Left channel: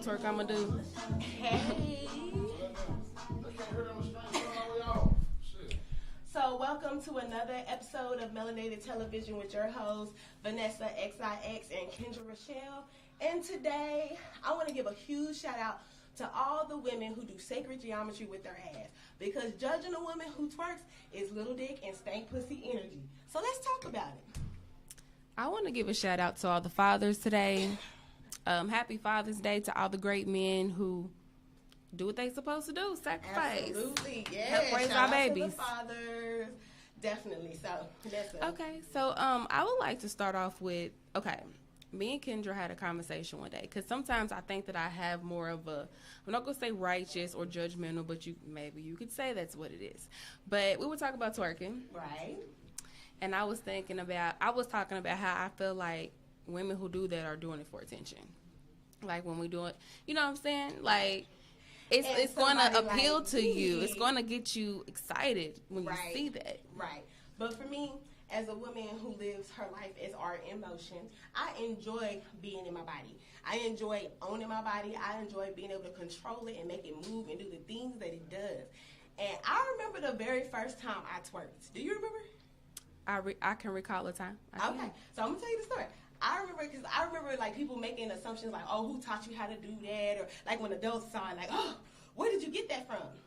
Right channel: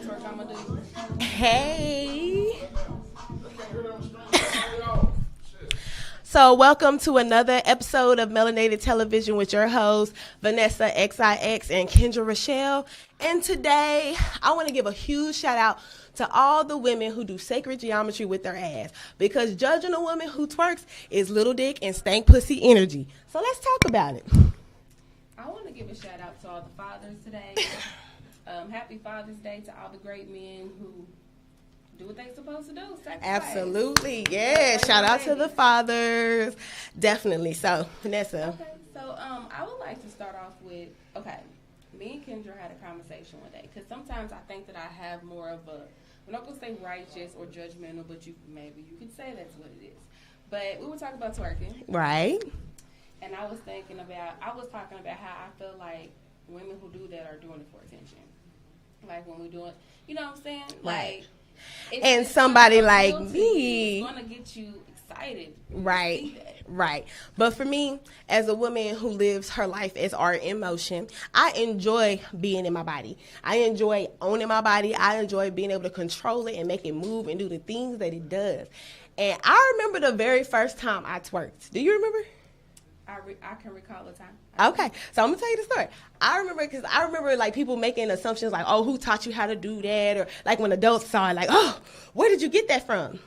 Twerk I'ma do. Hey. So welcome to another episode of Melanated Television with your hosts, Vanessa XIX and Kendra Rochelle. And today, I want to give a huge shout out to all the women who do sacred geometry with their ass. Because judging a woman who twerks is little dick and stank pussy energy. So let's talk about it. I want to give a shout out to all the fathers today. Happy Father's Day to all the great men who do what they supposed to do. Sacrifice. Absolutely, yeah. Shout out to the fathers. Definitely. So, Vanessa. Okay, so I would like to start off with, me and Kendra had a conversation one day, because sometimes I think that I have more of a, I'm not going to say righteous or judgmental, but maybe you could say that's what it is. But we were talking about twerking. Right. And I was talking about how I feel like women who do that are doing it for attention. Like when we do it, you know what I'm saying? Like, it's somebody like me, it's going to get you excited when right you see that. Right. But for me, as a woman who lives her life as art in motion, I enjoy being in my body. I enjoy owning my body. I enjoy being able to control it and make it move and do the things that it does. And I remember the very first time I twerked. Do you remember? I can recall a time. Okay, so I'm gonna tell you the story. I remember like people making assumptions like, oh, who taught you how to do that? Or like when adults saw it, like, oh, where did you get that from?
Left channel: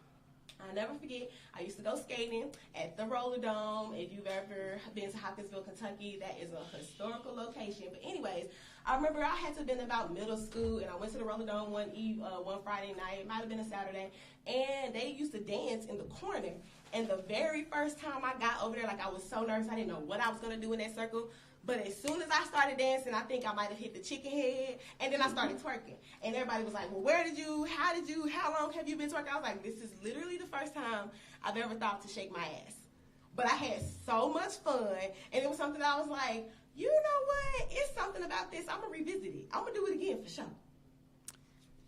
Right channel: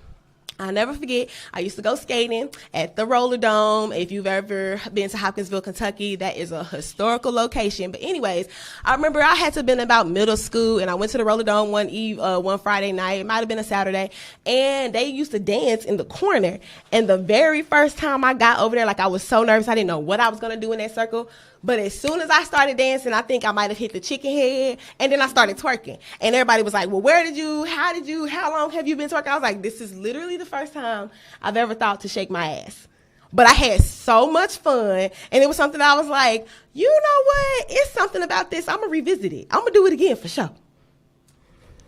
I'll never forget, I used to go skating at the Roller Dome. If you've ever been to Hopkinsville, Kentucky, that is a historical location. But anyways, I remember I had to have been about middle school, and I went to the Roller Dome one Friday night. It might have been a Saturday. And they used to dance in the corner. And the very first time I got over there, like I was so nervous. I didn't know what I was going to do in that circle. But as soon as I started dancing, I think I might have hit the chicken head, and then I started twerking. And everybody was like, well, how long have you been twerking? I was like, this is literally the first time I've ever thought to shake my ass. But I had so much fun, and it was something I was like, you know what? It's something about this. I'm going to revisit it. I'm going to do it again for sure.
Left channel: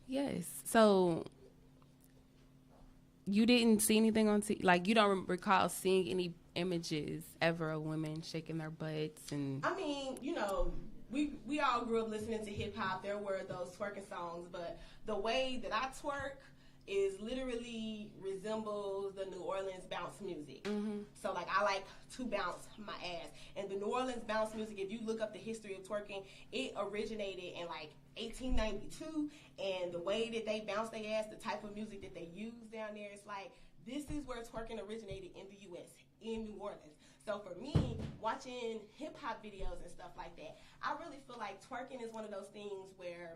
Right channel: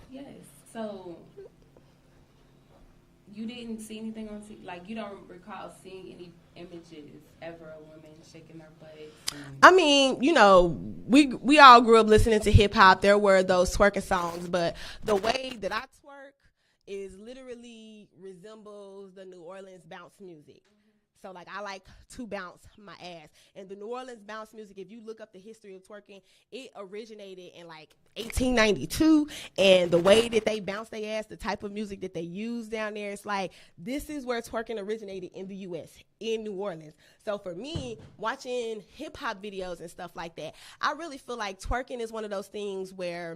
Yes. So you didn't see anything on TV? Like, you don't recall seeing any images ever of women shaking their butts? I mean, you know, we all grew up listening to hip hop. There were those twerking songs, but the way that I twerk is literally resembles the New Orleans bounce music. Mm-hmm. So like I like to bounce my ass. And the New Orleans bounce music, if you look up the history of twerking, it originated in like 1892, and the way that they bounce their ass, the type of music that they use down there, it's like this is where twerking originated in the U.S., in New Orleans. So for me, watching hip-hop videos and stuff like that, I really feel like twerking is one of those things where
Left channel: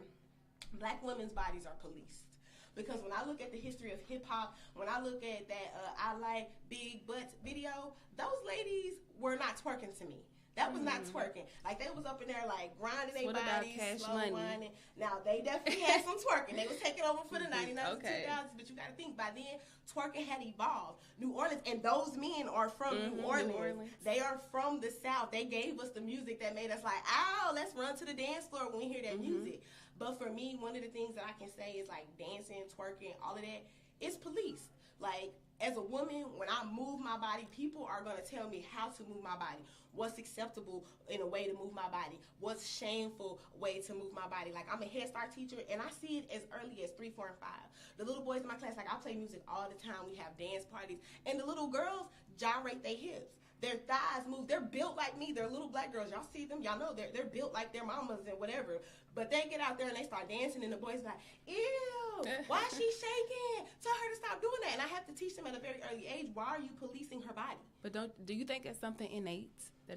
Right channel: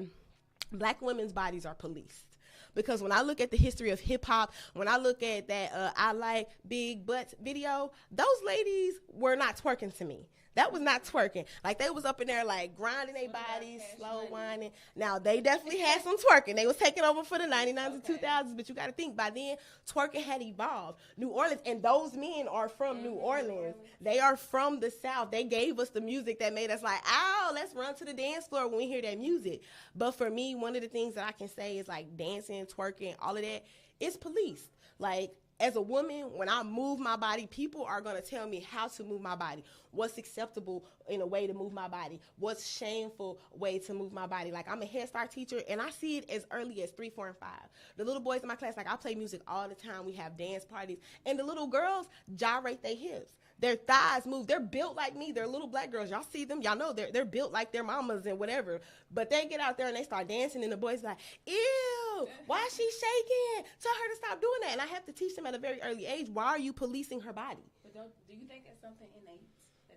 black women's bodies are policed. Because when I look at the history of hip-hop, when I look at that I Like Big Butts video, those ladies were not twerking to me. That was not twerking. Like, they was up in there, like, grinding their bodies, slow whining. Now, they definitely had some twerking. They was taking over for the 99s and 2000s, but you got to think, by then, twerking had evolved. New Orleans, and those men are from New Orleans. They are from the South. They gave us the music that made us like, ow, let's run to the dance floor when we hear that music. But for me, one of the things that I can say is, like, dancing, twerking, all of that, it's policed. Like, as a woman, when I move my body, people are going to tell me how to move my body. What's acceptable in a way to move my body? What's shameful way to move my body? Like, I'm a Head Start teacher, and I see it as early as 3, 4, and 5. The little boys in my class, like, I play music all the time. We have dance parties. And the little girls gyrate their hips. Their thighs move. They're built like me. They're little black girls. Y'all see them. Y'all know they're built like their mamas and whatever. But they get out there and they start dancing, and the boys like, ew, why is she shaking? Tell her to stop doing that. And I have to teach them at a very early age, why are you policing her body? But do you think it's something innate?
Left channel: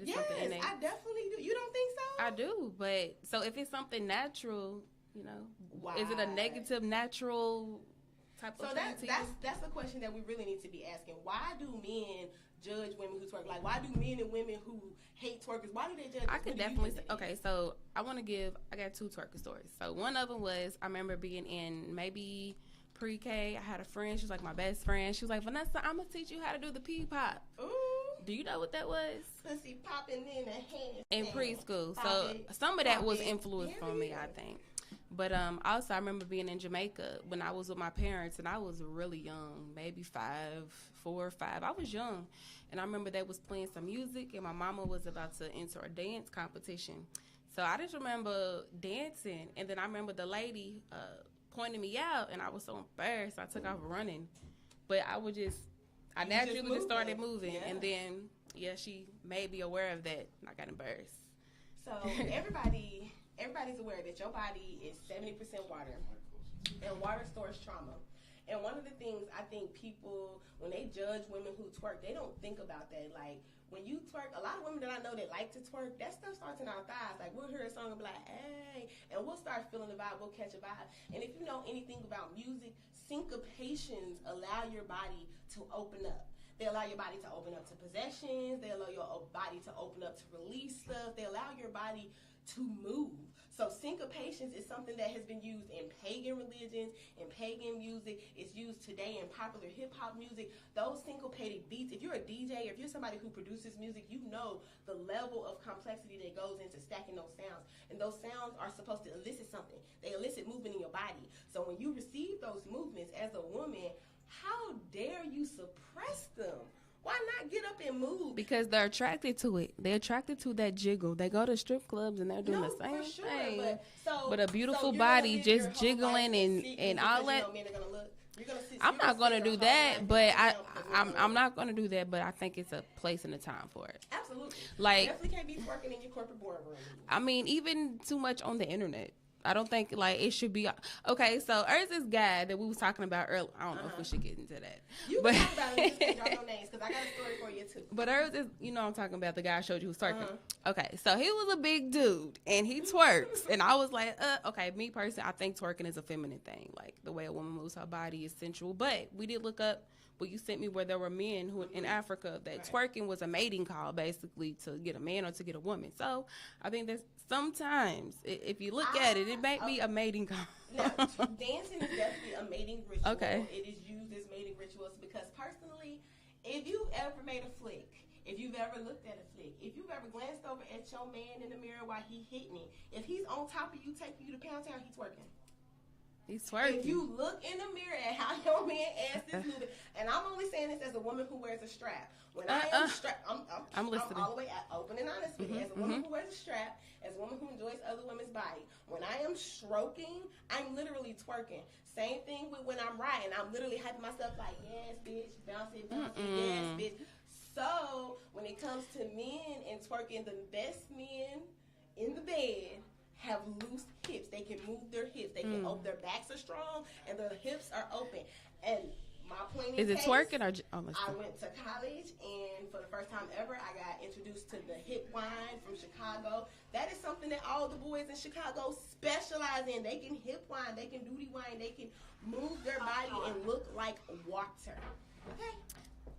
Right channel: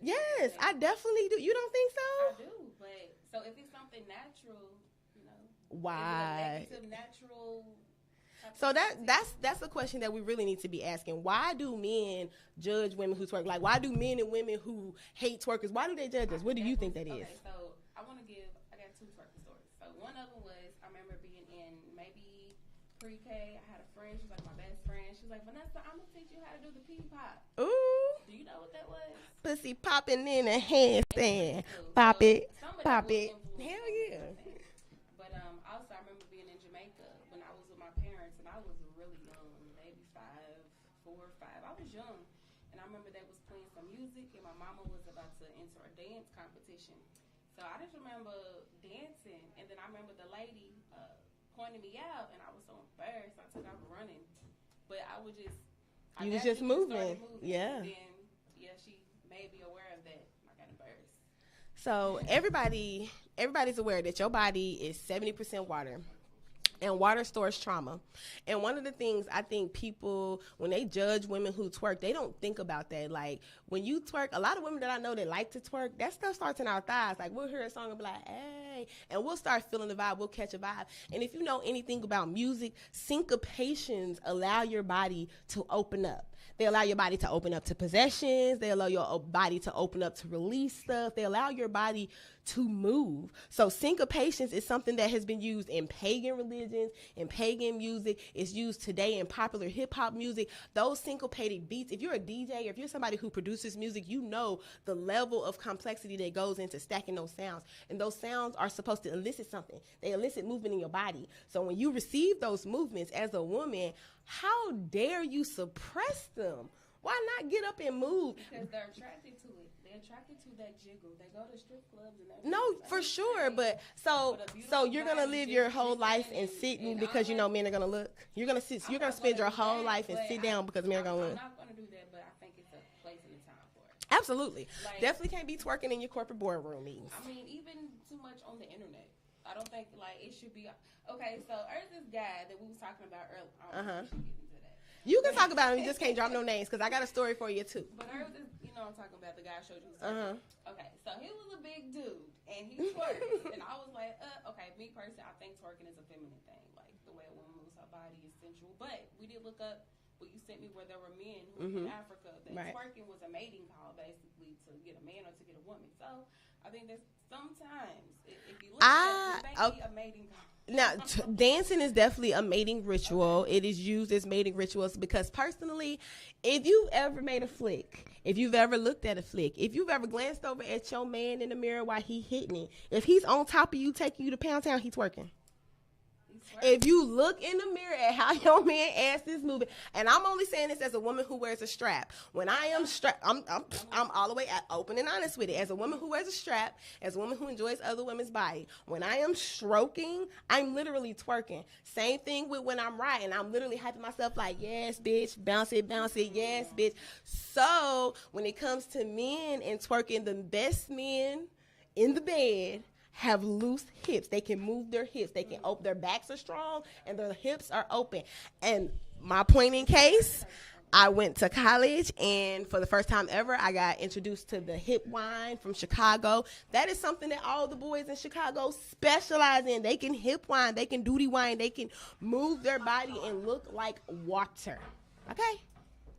Yes, I definitely do. You don't think so? I do. But so if it's something natural, you know, why? Is it a negative, natural type so of thing? That's a question that we really need to be asking. Why do men judge women who twerk? Like, why do men and women who hate twerkers, why do they judge us? What do you think that is? Okay, so I got 2 twerker stories. So one of them was, I remember being in maybe pre-K. I had a friend. She was like my best friend. She was like, Vanessa, I'm going to teach you how to do the pee-pop. Ooh. Do you know what that was? Pussy popping in a handstand. In preschool. Pop so it. Some of that was influenced from me, I think. But also I remember being in Jamaica when I was with my parents, and I was really young, maybe 4 or 5. I was young, and I remember they was playing some music, and my mama was about to enter a dance competition. So I just remember dancing, and then I remember the lady pointing me out, and I was so embarrassed. I took off running, but I naturally just started moving, and then she made me aware of that, and I got embarrassed. So everybody's aware that your body is 70% water, and water stores trauma. And one of the things I think people, when they judge women who twerk, they don't think about that. Like, when you twerk, a lot of women that I know that like to twerk, that stuff starts in our thighs. Like, we'll hear a song and be like, hey, and we'll start feeling the vibe. We'll catch a vibe. And if you know anything about music, syncopations allow your body to open up. They allow your body to open up to possessions. They allow your body to open up to release stuff. They allow your body to move. So syncopations is something that has been used in pagan religions, in pagan music. It's used today in popular hip-hop music. Those syncopated beats, if you're a DJ, if you're somebody who produces music, you know the level of complexity that goes into stacking those sounds. And those sounds are supposed to elicit something. They elicit movement in your body. So when you receive those movements as a woman, how dare you suppress them? Why not get up and move? Because they're attracted to it. They're attracted to that jiggle. They go to strip clubs and they're doing the same for sure. thing. But a beautiful body just jiggling and because you know men are gonna look. You're gonna sit. I'm not gonna do that, but I'm not gonna do that. But I think it's a place and a time for it. Absolutely. Like, definitely can't be twerking in your corporate boardroom meetings. I mean, even too much on the internet. I don't think, like, it should be. Okay, so there's this guy that we was talking about earlier. I don't know if we should get into that. You can talk about him. You just can't drop no names, because I got a story for you, too. But there's this, I'm talking about the guy I showed you who's twerking. Okay, so he was a big dude, and he twerks. And I was like, okay, me personally, I think twerking is a feminine thing. Like, the way a woman moves her body is sensual. But we did look up what you sent me where there were men who in Africa that twerking was a mating call, basically, to get a man or to get a woman. So I think that sometimes, if you look at it, it may be a mating call. Now, dancing is definitely a mating ritual. Okay. It is used as mating rituals because, personally, if you've ever made a flick, if you've ever looked at a flick, if you've ever glanced over at your man in the mirror while he hitting it, if he's on top of you taking you to Pound Town, he's twerking. If you look in the mirror at how your man ass is moving, and I'm only saying this as a woman who wears a strap. When I am strapped, I'm all the way open and honest with it. As a woman who wears a strap, as a woman who enjoys other women's body, when I am stroking, I'm literally twerking. Same thing with when I'm riding. I'm literally hyping myself like, yes, bitch, bounce it, yes, bitch. So when it comes to men and twerking, the best men in the bed have loose hips. They can move their hips. They can open. Their backs are strong and their hips are open. And my point in case, I went to college, and for the first time ever, I got introduced to the hip wine from Chicago. That is something that all the boys in Chicago specialize in. They can hip wine. They can duty wine. They can move their body and look like water.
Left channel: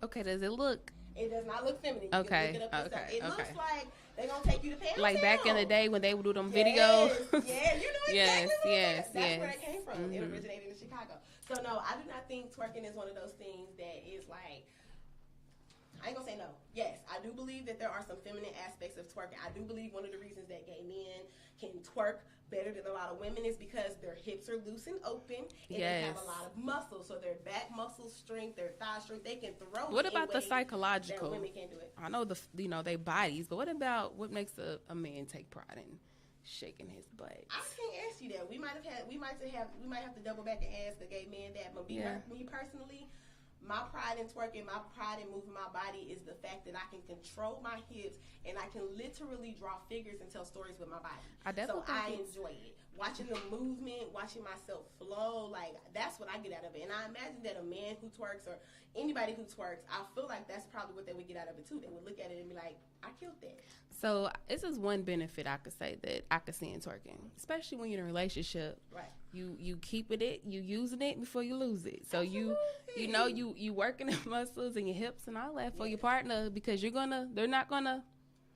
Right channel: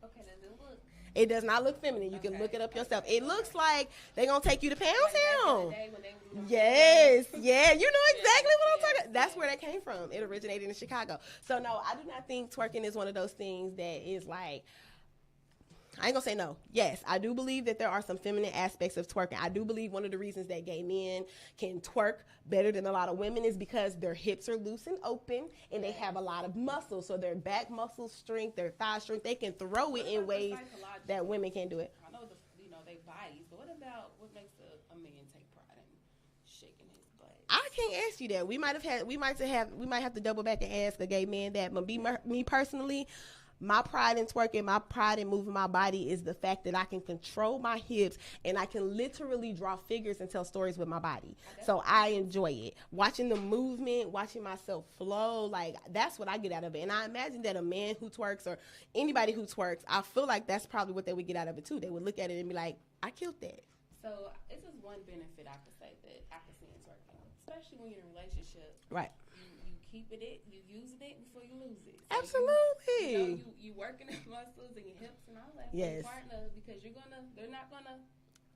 Okay, does it look? It does not look feminine. You can look it up yourself. It looks like they're going to take you to Pound Town. Like back in the day when they would do them videos. Yeah, you know exactly what I'm talking about. That's where that came from. It originated in Chicago. So, no, I do not think twerking is one of those things that is like, I ain't going to say no. Yes, I do believe that there are some feminine aspects of twerking. I do believe one of the reasons that gay men can twerk better than a lot of women is because their hips are loose and open, and they have a lot of muscle. So their back muscle strength, their thigh strength, they can throw what it about in ways the psychological that women can't do it. I know their bodies, but what about what makes a man take pride in shaking his butt? I can't ask you that. We might have to double back and ask a gay man that. But me personally, my pride in twerking, my pride in moving my body is the fact that I can control my hips and I can literally draw figures and tell stories with my body. So I enjoy it. Watching the movement, watching myself flow, like that's what I get out of it. And I imagine that a man who twerks or anybody who twerks, I feel like that's probably what they would get out of it too. They would look at it and be like, I killed that. So this is one benefit I could say that I could see in twerking, especially when you're in a relationship. Right. You keeping it, you using it before you lose it. So absolutely. you working the muscles and your hips and all that for your partner because they're not gonna.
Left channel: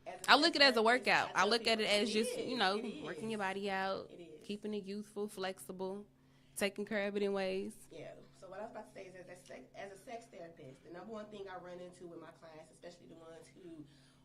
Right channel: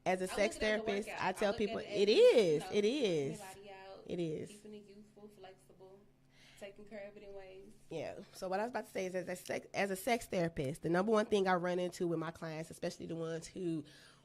I look at it as a workout. I look at it as working your body out. It is keeping it youthful, flexible, taking care of it in ways. Yeah. So what I was about to say is, as a sex therapist, the number one thing I run into with my clients, especially the ones who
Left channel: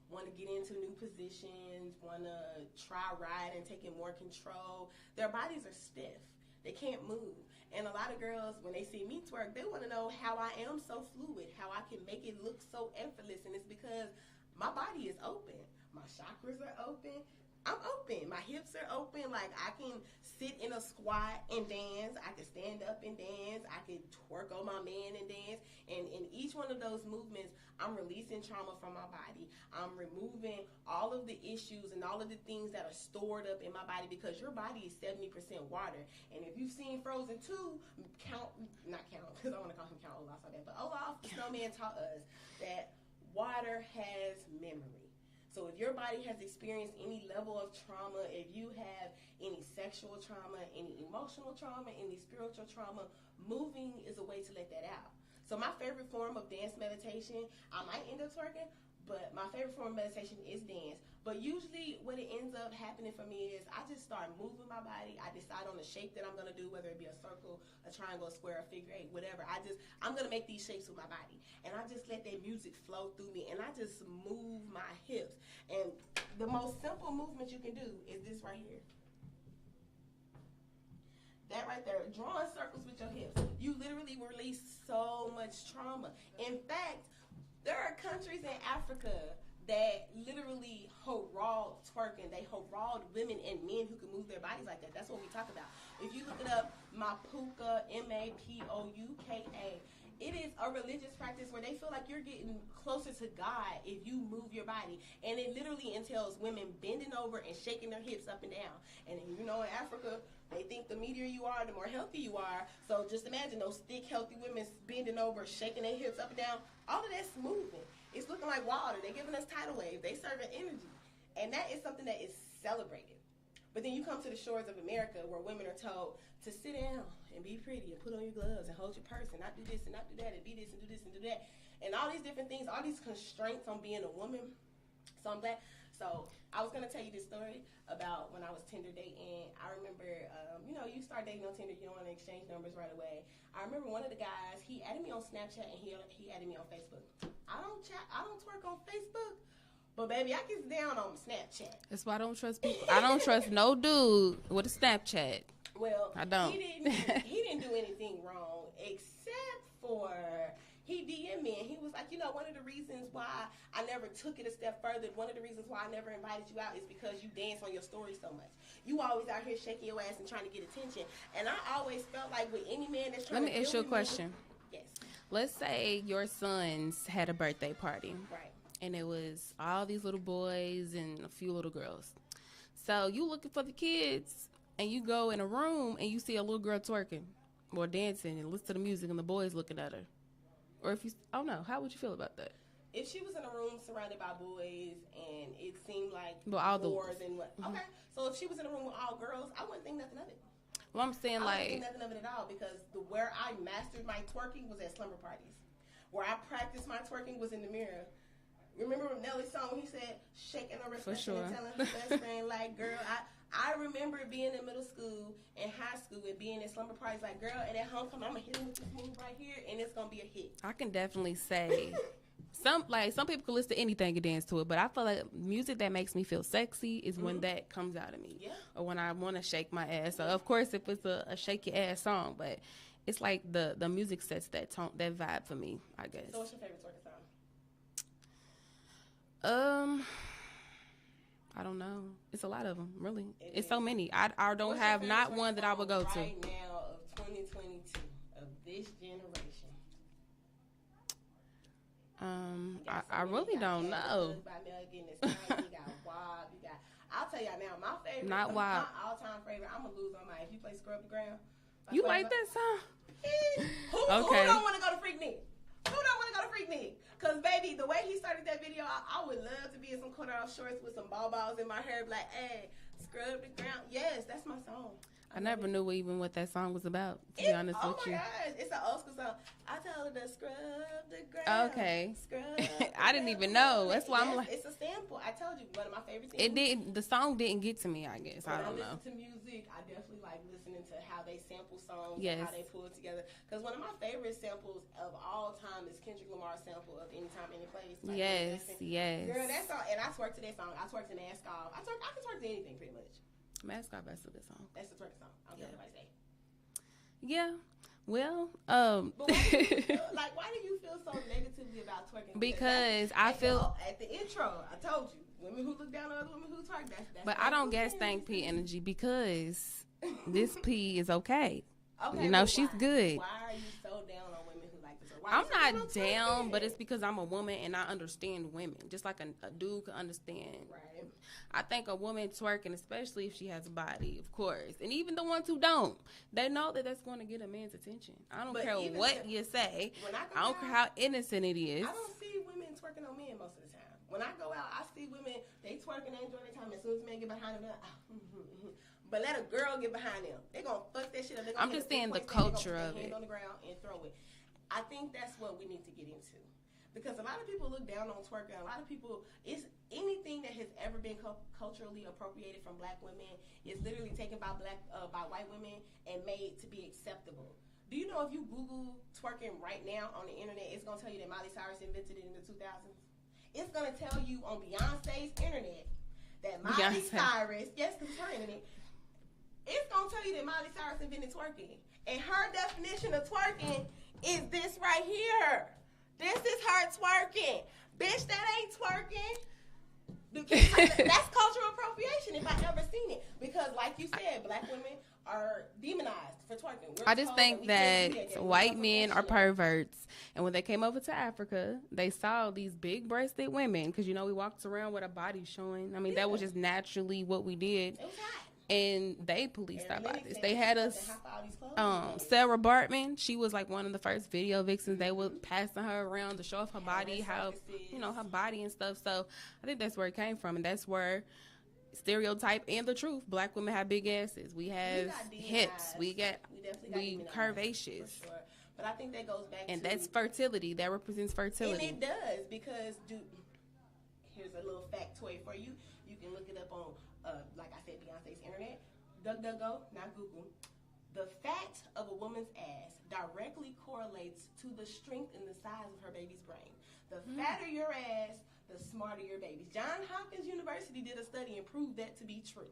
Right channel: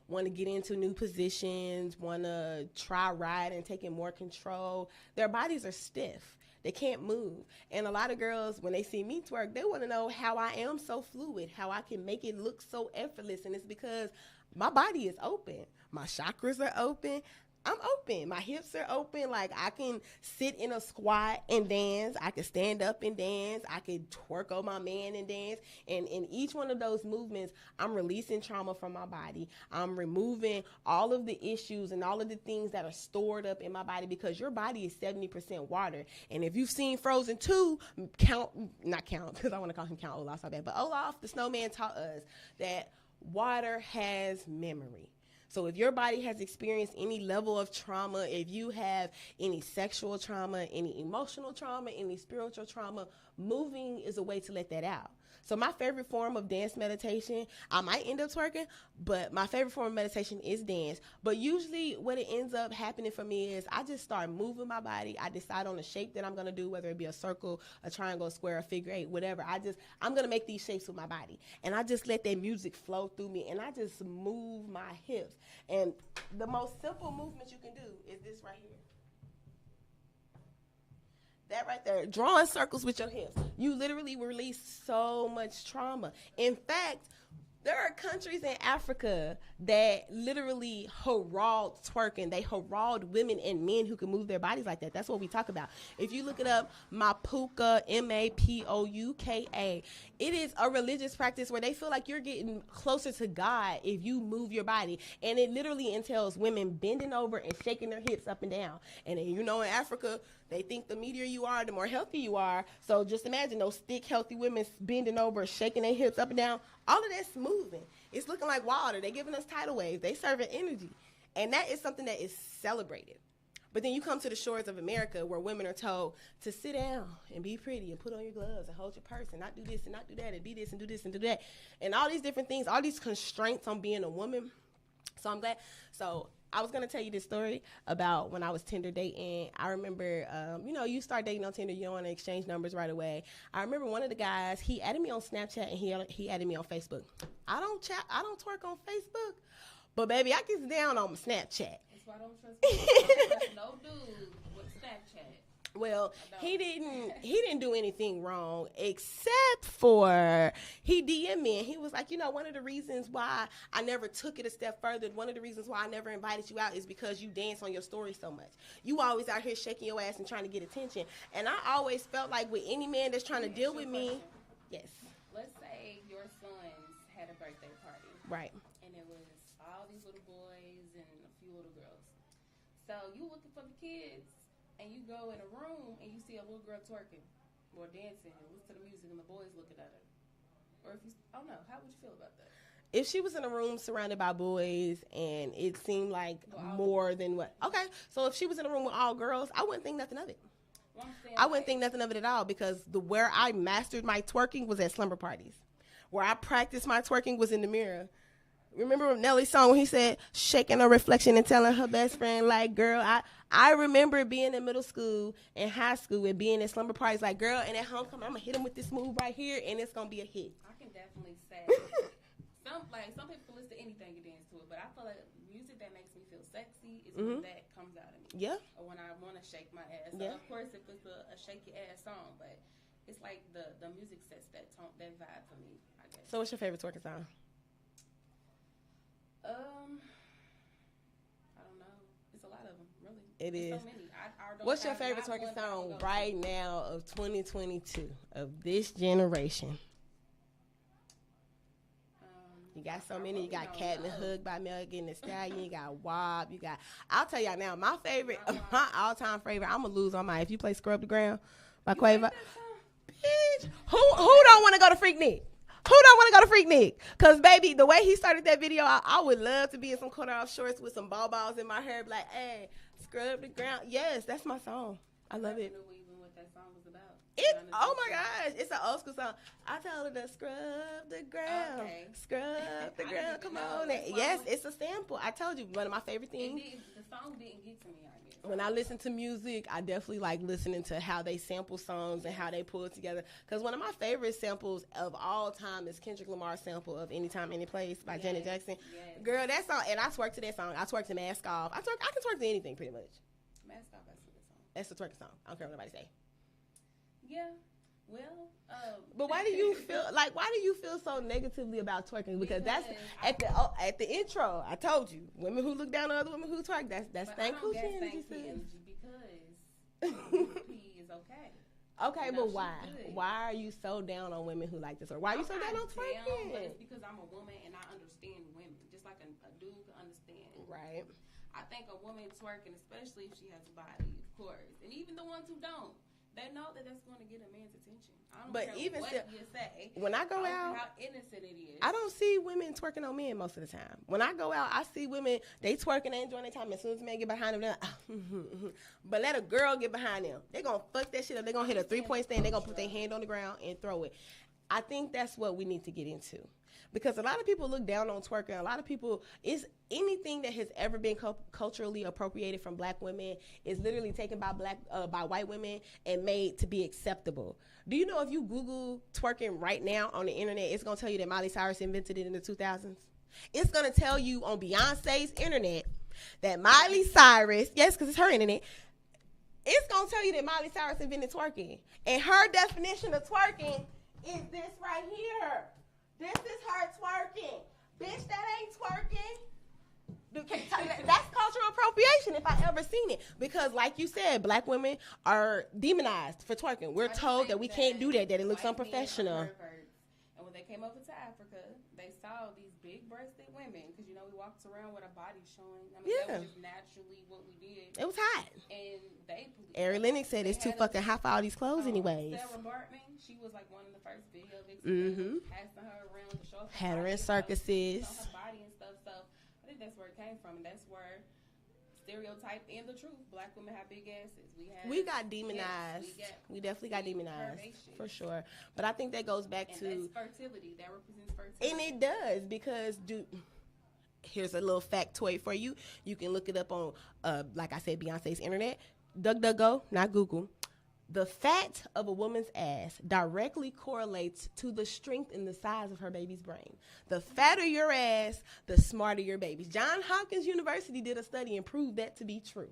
want to get into new positions, want to try riding and taking more control. Their bodies are stiff. They can't move. And a lot of girls, when they see me twerk, they want to know how I am so fluid, how I can make it look so effortless. And it's because my body is open. My chakras are open. I'm open. My hips are open. Like, I can sit in a squat and dance. I can stand up and dance. I can twerk on my man and dance. And in each one of those movements, I'm releasing trauma from my body. I'm removing all of the issues and all of the things that are stored up in my body, because your body is 70% water. And if you've seen Frozen 2, not count, because I want to call him Count Olaf so bad, but Olaf, the snowman, taught us that water has memory. So if your body has experienced any level of trauma, if you have any sexual trauma, any emotional trauma, any spiritual trauma, moving is a way to let that out. So my favorite form of dance meditation, I might end up twerking, but my favorite form of meditation is dance. But usually what it ends up happening for me is I just start moving my body. I decide on the shape that I'm going to do, whether it be a circle, a triangle, a square, a figure eight, whatever. I'm going to make these shapes with my body. And I just let that music flow through me, and I just move my hips. And the most simple movement you can do is this right here. That right there, drawing circles with your hips. You literally release so much trauma. In fact, there are countries in Africa that literally herald twerking. They herald women and men who can move their bodies like that. That's what we talk about. If you look it up, Mapuka, Mapouka, it is a religious practice where they feel like you're getting closer to God if you move your body. And it literally entails women bending over and shaking their hips up and down. And then, in Africa, they think the meatier you are, the more healthy you are. So just imagine those thick, healthy women bending over, shaking their hips up and down. All of that's moving. It's looking like water. They're giving us tidal waves. They serving energy. And that is something that is celebrated. But then you come to the shores of America where women are told to sit down and be pretty and put on your gloves and hold your purse and not do this and not do that and be this and do this and do that. And all these different things, all these constraints on being a woman. So I'm glad. So I was going to tell you this story about when I was Tinder dating. I remember, you start dating on Tinder, you don't want to exchange numbers right away. I remember one of the guys, he added me on Snapchat and he added me on Facebook. I don't twerk on Facebook. But baby, I get down on Snapchat. That's why I don't trust people. I don't trust no dude with a Snapchat. Well, I don't. He didn't do anything wrong except for he DM'd me and he was like, one of the reasons why I never took it a step further, one of the reasons why I never invited you out is because you dance on your story so much. You always out here shaking your ass and trying to get attention. And I always felt like with any man that's trying to deal with me. Let me ask you a question. Yes. Let's say your sons had a birthday party. Right. And it was all these little boys and a few little girls. So you looking for the kids, and you go in a room and you see a little girl twerking or dancing and listen to the music and the boys looking at her. Or if you, I don't know, how would you feel about that? If she was in a room surrounded by boys and it seemed like more than what? Mm-hmm. Okay, so if she was in a room with all girls, I wouldn't think nothing of it. Well, I'm saying I wouldn't think nothing of it at all because where I mastered my twerking was at slumber parties. Where I practiced my twerking was in the mirror. Remember Nelly's song when he said, shaking her reflection and telling her best friend, like, girl, I remember being in middle school and high school and being in slumber parties like, girl, and at homecoming, I'm going to hit him with this move right here, and it's going to be a hit. I can definitely say some people can listen to anything and dance to it, but I feel like music that makes me feel sexy is when that comes out of me. Yeah. Or when I want to shake my ass. So, of course, if it's a shake your ass song, but it's like the music sets that tone, that vibe for me, I guess. So what's your favorite twerking song? I don't know. It's a lot of them, really. It's so many. I don't What's have not one that I would go right to. Now of 2022 of this generation. I really don't know. Hooked by Megan Thee Stallion. You got WAP. You got. I'll tell y'all now. My favorite, my all-time favorite. I'm gonna lose on mine. If you play "Scrub the Ground" by Quavo. You like that song? Who don't want to go to Freaknik? Who don't want to go to Freaknik? Because, baby, the way he started that video, I would love to be in some cut-off shorts with some balls in my hair. Like, hey, scrub the ground. Yes, that's my song. I never knew even what that song was about. To be honest oh with my you. gosh, it's an old school song. I told her to scrub the ground. Okay. Scrub. I didn't even know. That's why. Yes, it's a sample. I told you, one of my favorite things. It didn't. The song didn't get to me. I guess. When I listen to music, I definitely like listening to how they sample songs and how they pull it together. Because one of my favorite samples of all time is Kendrick Lamar's sample of "Anytime, Any Place" by Janet Jackson. Yes. Girl, that song, and I twerk to that song. I twerk to "Mask Off." I can twerk to anything pretty much. Mask Off, that's a good song. That's a twerking song. I don't care what nobody say. Yeah. Well, but why do you feel why do you feel so negatively about twerking? Because I feel at the intro, I told you, women who look down on other women who twerk. That's. But I don't get stank P energy because this P is okay. Okay, you know, she's good. Why are you so down on women who like this? Or why I'm not down, but it's because I'm a woman and I understand women, just like a dude can understand. Right. I think a woman twerking, especially if she has a body, of course, and even the ones who don't, they know that that's going to get a man's attention. I don't care what you say. When I go I don't out, care how innocent it is. I don't see women twerking on men most of the time. When I go out, I see women, they twerking, they enjoying their time. As soon as a man get behind them, they're like, but let a girl get behind them. They're going to fuck that shit up. They're going to hit a 3-point stand. They're going to put their hand on the ground and throw it. I think that's what we need to get into. Because a lot of people look down on twerking. A lot of people, it's anything that has ever been culturally appropriated from black women is literally taken by by white women and made to be acceptable. Do you know if you Google twerking right now on the internet, it's going to tell you that Miley Cyrus invented it in the 2000s? It's going to tell you on Beyonce's internet that Miley Cyrus, yes, because it's her internet, it's going to tell you that Miley Cyrus invented twerking. And her definition of twerking is this right here. This is her twerking. Bitch, that ain't twerking. Because that's cultural appropriation if I ever seen it. Because like you said, black women are demonized for twerking. We're told that we can't do that. That white men are perverts. And when they came over to Africa, they saw these big-breasted women. Because, you know, we walked around with our bodies showing. I mean, that was just naturally what we did. It was hot. And they policed Aaron Lennox said it's too fucking hot for all these clothes anyway. Sarah Bartman, she was like one of the first video vixens. They were passing her around to show off her body. Circuses. You know, her body and stuff. So I think that's where it came from. And that's where stereotype and the truth. Black women have big asses. We got demonized. Hips. We definitely got demonized. Curvaceous. For sure. But I think that goes back to... And that's fertility. That represents fertility. And it does because... Here's a little factoid for you. You can look it up on, like I said, Beyonce's internet. DuckDuckGo, not Google. The fat of a woman's ass directly correlates to the strength and the size of her baby's brain. The fatter your ass, the smarter your baby. Johns Hopkins University did a study and proved that to be true.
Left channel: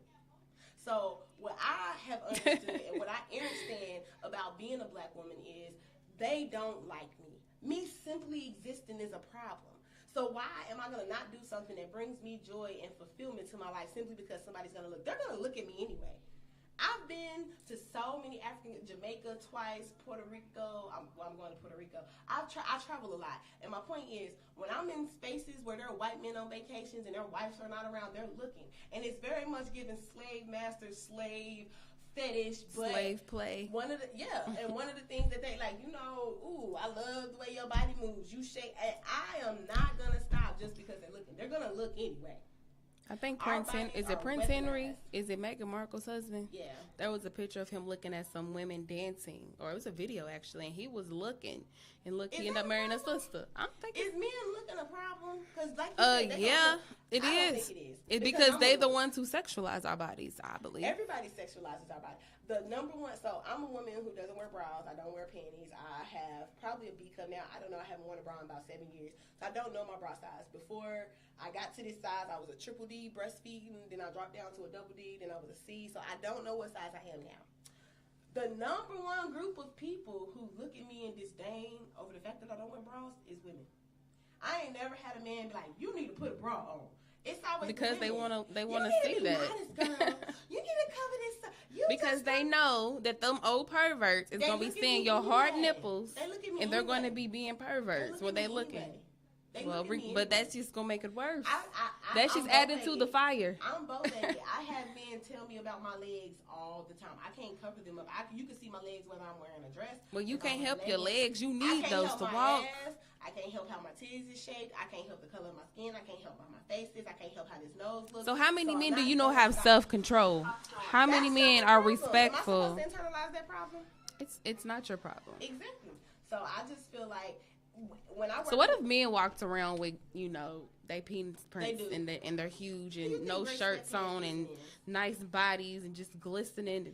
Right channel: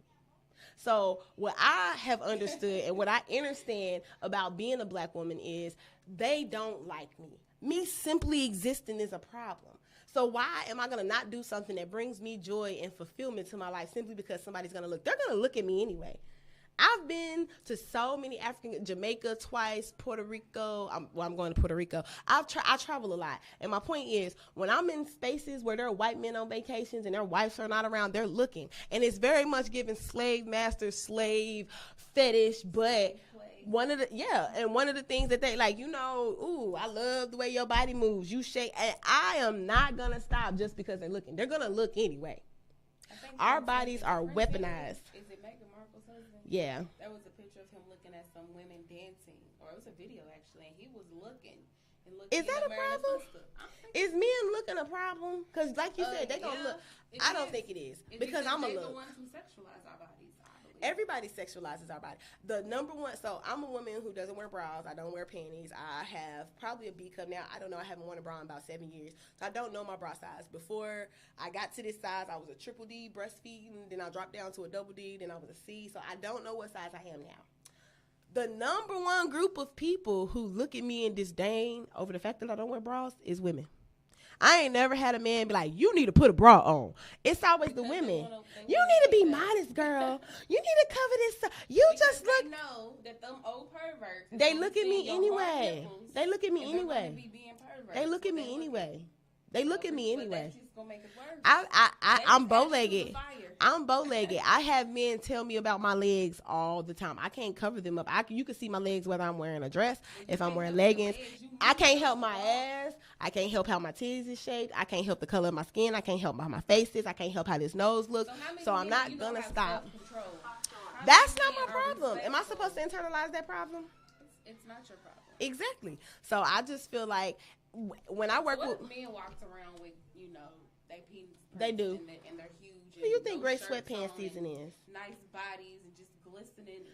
So what I have understood and what I understand about being a black woman is they don't like me. Me simply existing is a problem. So why am I going to not do something that brings me joy and fulfillment to my life simply because somebody's going to look? They're going to look at me anyway. I've been to so many Jamaica twice, Puerto Rico. I'm going to Puerto Rico. I travel a lot. And my point is, when I'm in spaces where there are white men on vacations and their wives are not around, they're looking. And it's very much given slave master, slave fetish, but slave play. One of the things that they like, ooh, I love the way your body moves. You shake. And I am not going to stop just because they're looking. They're going to look anyway. I think our bodies are weaponized. Henry? Is it Meghan Markle's husband? Yeah. There was a picture of him looking at some women dancing, or it was a video actually, and he was looking. And look, he ended up marrying a sister. Is men looking a problem? Because like you said, I don't think it is. It's because they're the ones who sexualize our bodies, I believe. Everybody sexualizes our body. The number one, so I'm a woman who doesn't wear bras. I don't wear panties. I have probably a B cup now. I don't know. I haven't worn a bra in about 7 years. So I don't know my bra size. Before I got to this size, I was a triple D breastfeeding. Then I dropped down to a double D. Then I was a C. So I don't know what size I am now. The number one group of people who look at me in disdain over the fact that I don't wear bras is women. I ain't never had a man be like, you need to put a bra on. It's always because the women. You need to be modest, girl. You need to cover this. Because they know that them old perverts is going to be seeing your hard nipples. They look at me and anyway. they're going to be being perverts. They look at me anyway. They look at me anyway. But that's just going to make it worse. I'm bow-legged. To the fire. I'm bow-legged. I have men tell me about my legs all the time. I can't cover them up. You can see my legs whether I'm wearing a dress, if I'm wearing leggings. I can't help my ass. I can't help how my titties is shaped. I can't help the color of my skin. I can't help how my face is. I can't help how this nose looks. So how many men do you know have self-control? How many That's men not my are problem. respectful? Am I supposed to internalize that problem? It's not your problem. Exactly. So I just feel like when I work. So what if men walked around with, you know, they penis prints They do. and they're huge and no shirts on and is? nice bodies and just glistening?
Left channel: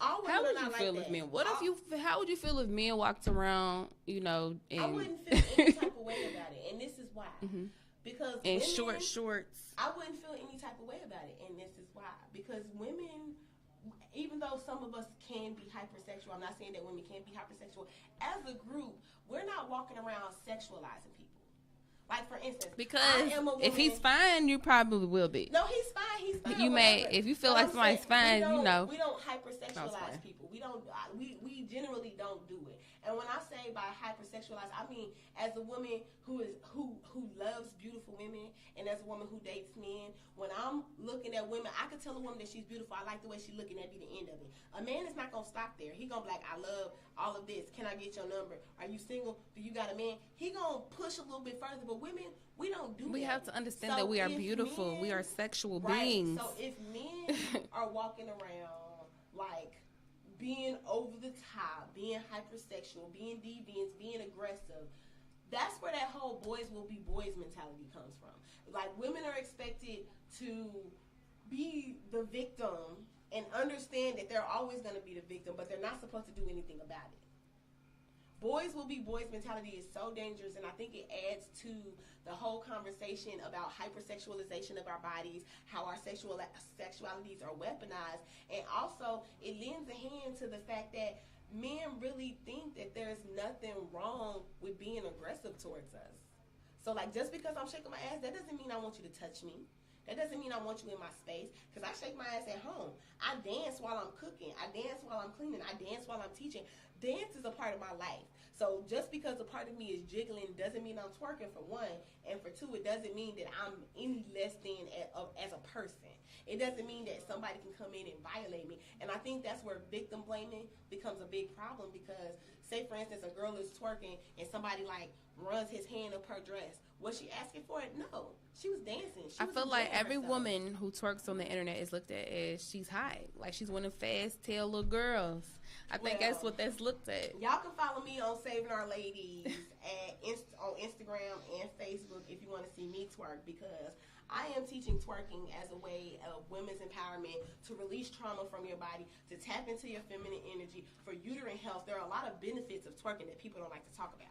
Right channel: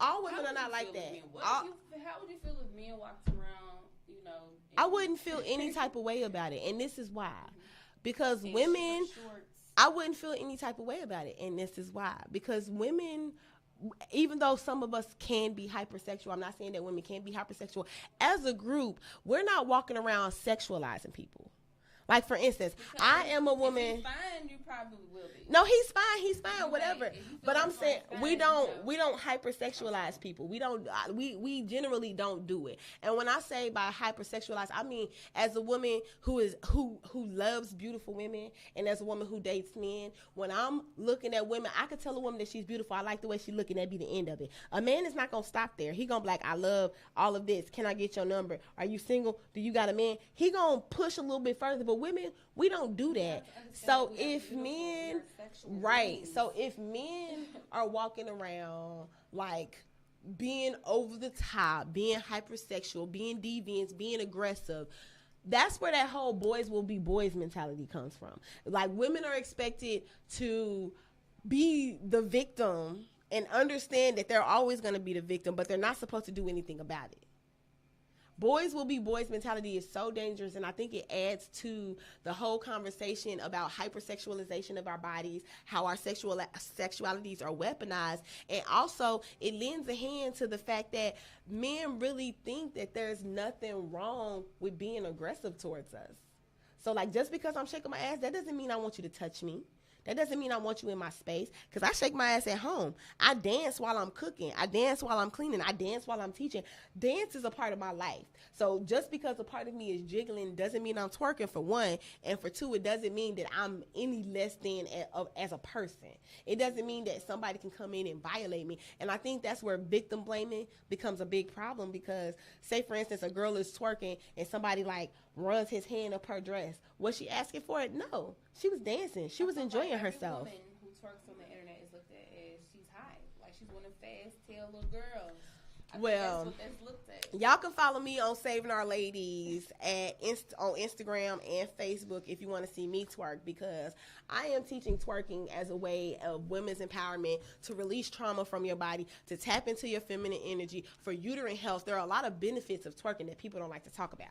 All women How would are not you feel like if that. men? How would you feel if men walked around, you know? I wouldn't feel any type of way about it, and this is why. Because and women shorts. I wouldn't feel any type of way about it, and this is why. Because women, even though some of us can be hypersexual, I'm not saying that women can't be hypersexual. As a group, we're not walking around sexualizing people. Like, for instance, because I am a woman. If he's fine, you probably will be. No, he's fine. He's fine. You whatever. if you feel but like somebody's fine, we don't hypersexualize people. We don't. We generally don't do it. And when I say by hypersexualize, I mean as a woman who loves beautiful women, and as a woman who dates men. When I'm looking at women, I can tell a woman that she's beautiful. I like the way she's looking. That'd be the end of it. A man is not gonna stop there. He gonna be like, I love all of this. Can I get your number? Are you single? Do you got a man? He gonna push a little bit further. But women, we don't do that. We have to understand that we are beautiful. We are sexual beings. So if men are walking around like being over the top, being hypersexual, being deviant, being aggressive, that's where that whole boys will be boys mentality comes from. Like, women are expected to be the victim and understand that they're always going to be the victim, but they're not supposed to do anything about it. Boys will be boys mentality is so dangerous, and I think it adds to the whole conversation about hypersexualization of our bodies, how our sexualities are weaponized, and also it lends a hand to the fact that men really think that there's nothing wrong with being aggressive towards us. So, like, just because I'm shaking my ass, that doesn't mean I want you to touch me. That doesn't mean I want you in my space, because I shake my ass at home. I dance while I'm cooking. I dance while I'm cleaning. I dance while I'm teaching. Dance is a part of my life. So just because a part of me is jiggling doesn't mean I'm twerking, for one. And for two, it doesn't mean that I'm any less than as a person. It doesn't mean that somebody can come in and violate me. And I think that's where victim blaming becomes a big problem, because say, for instance, a girl is twerking and somebody like runs his hand up her dress. Was she asking for it? No. She was dancing. She was enjoying herself. I feel like every woman who twerks on the internet is looked at as she's hot. Like, she's one of fast tail little girls. I think that's what that's looked at. Y'all can follow me on Saving Our Ladies on Instagram and Facebook if you want to see me twerk, because I am teaching twerking as a way of women's empowerment, to release trauma from your body, to tap into your feminine energy, for uterine health. There are a lot of benefits of twerking that people don't like to talk about.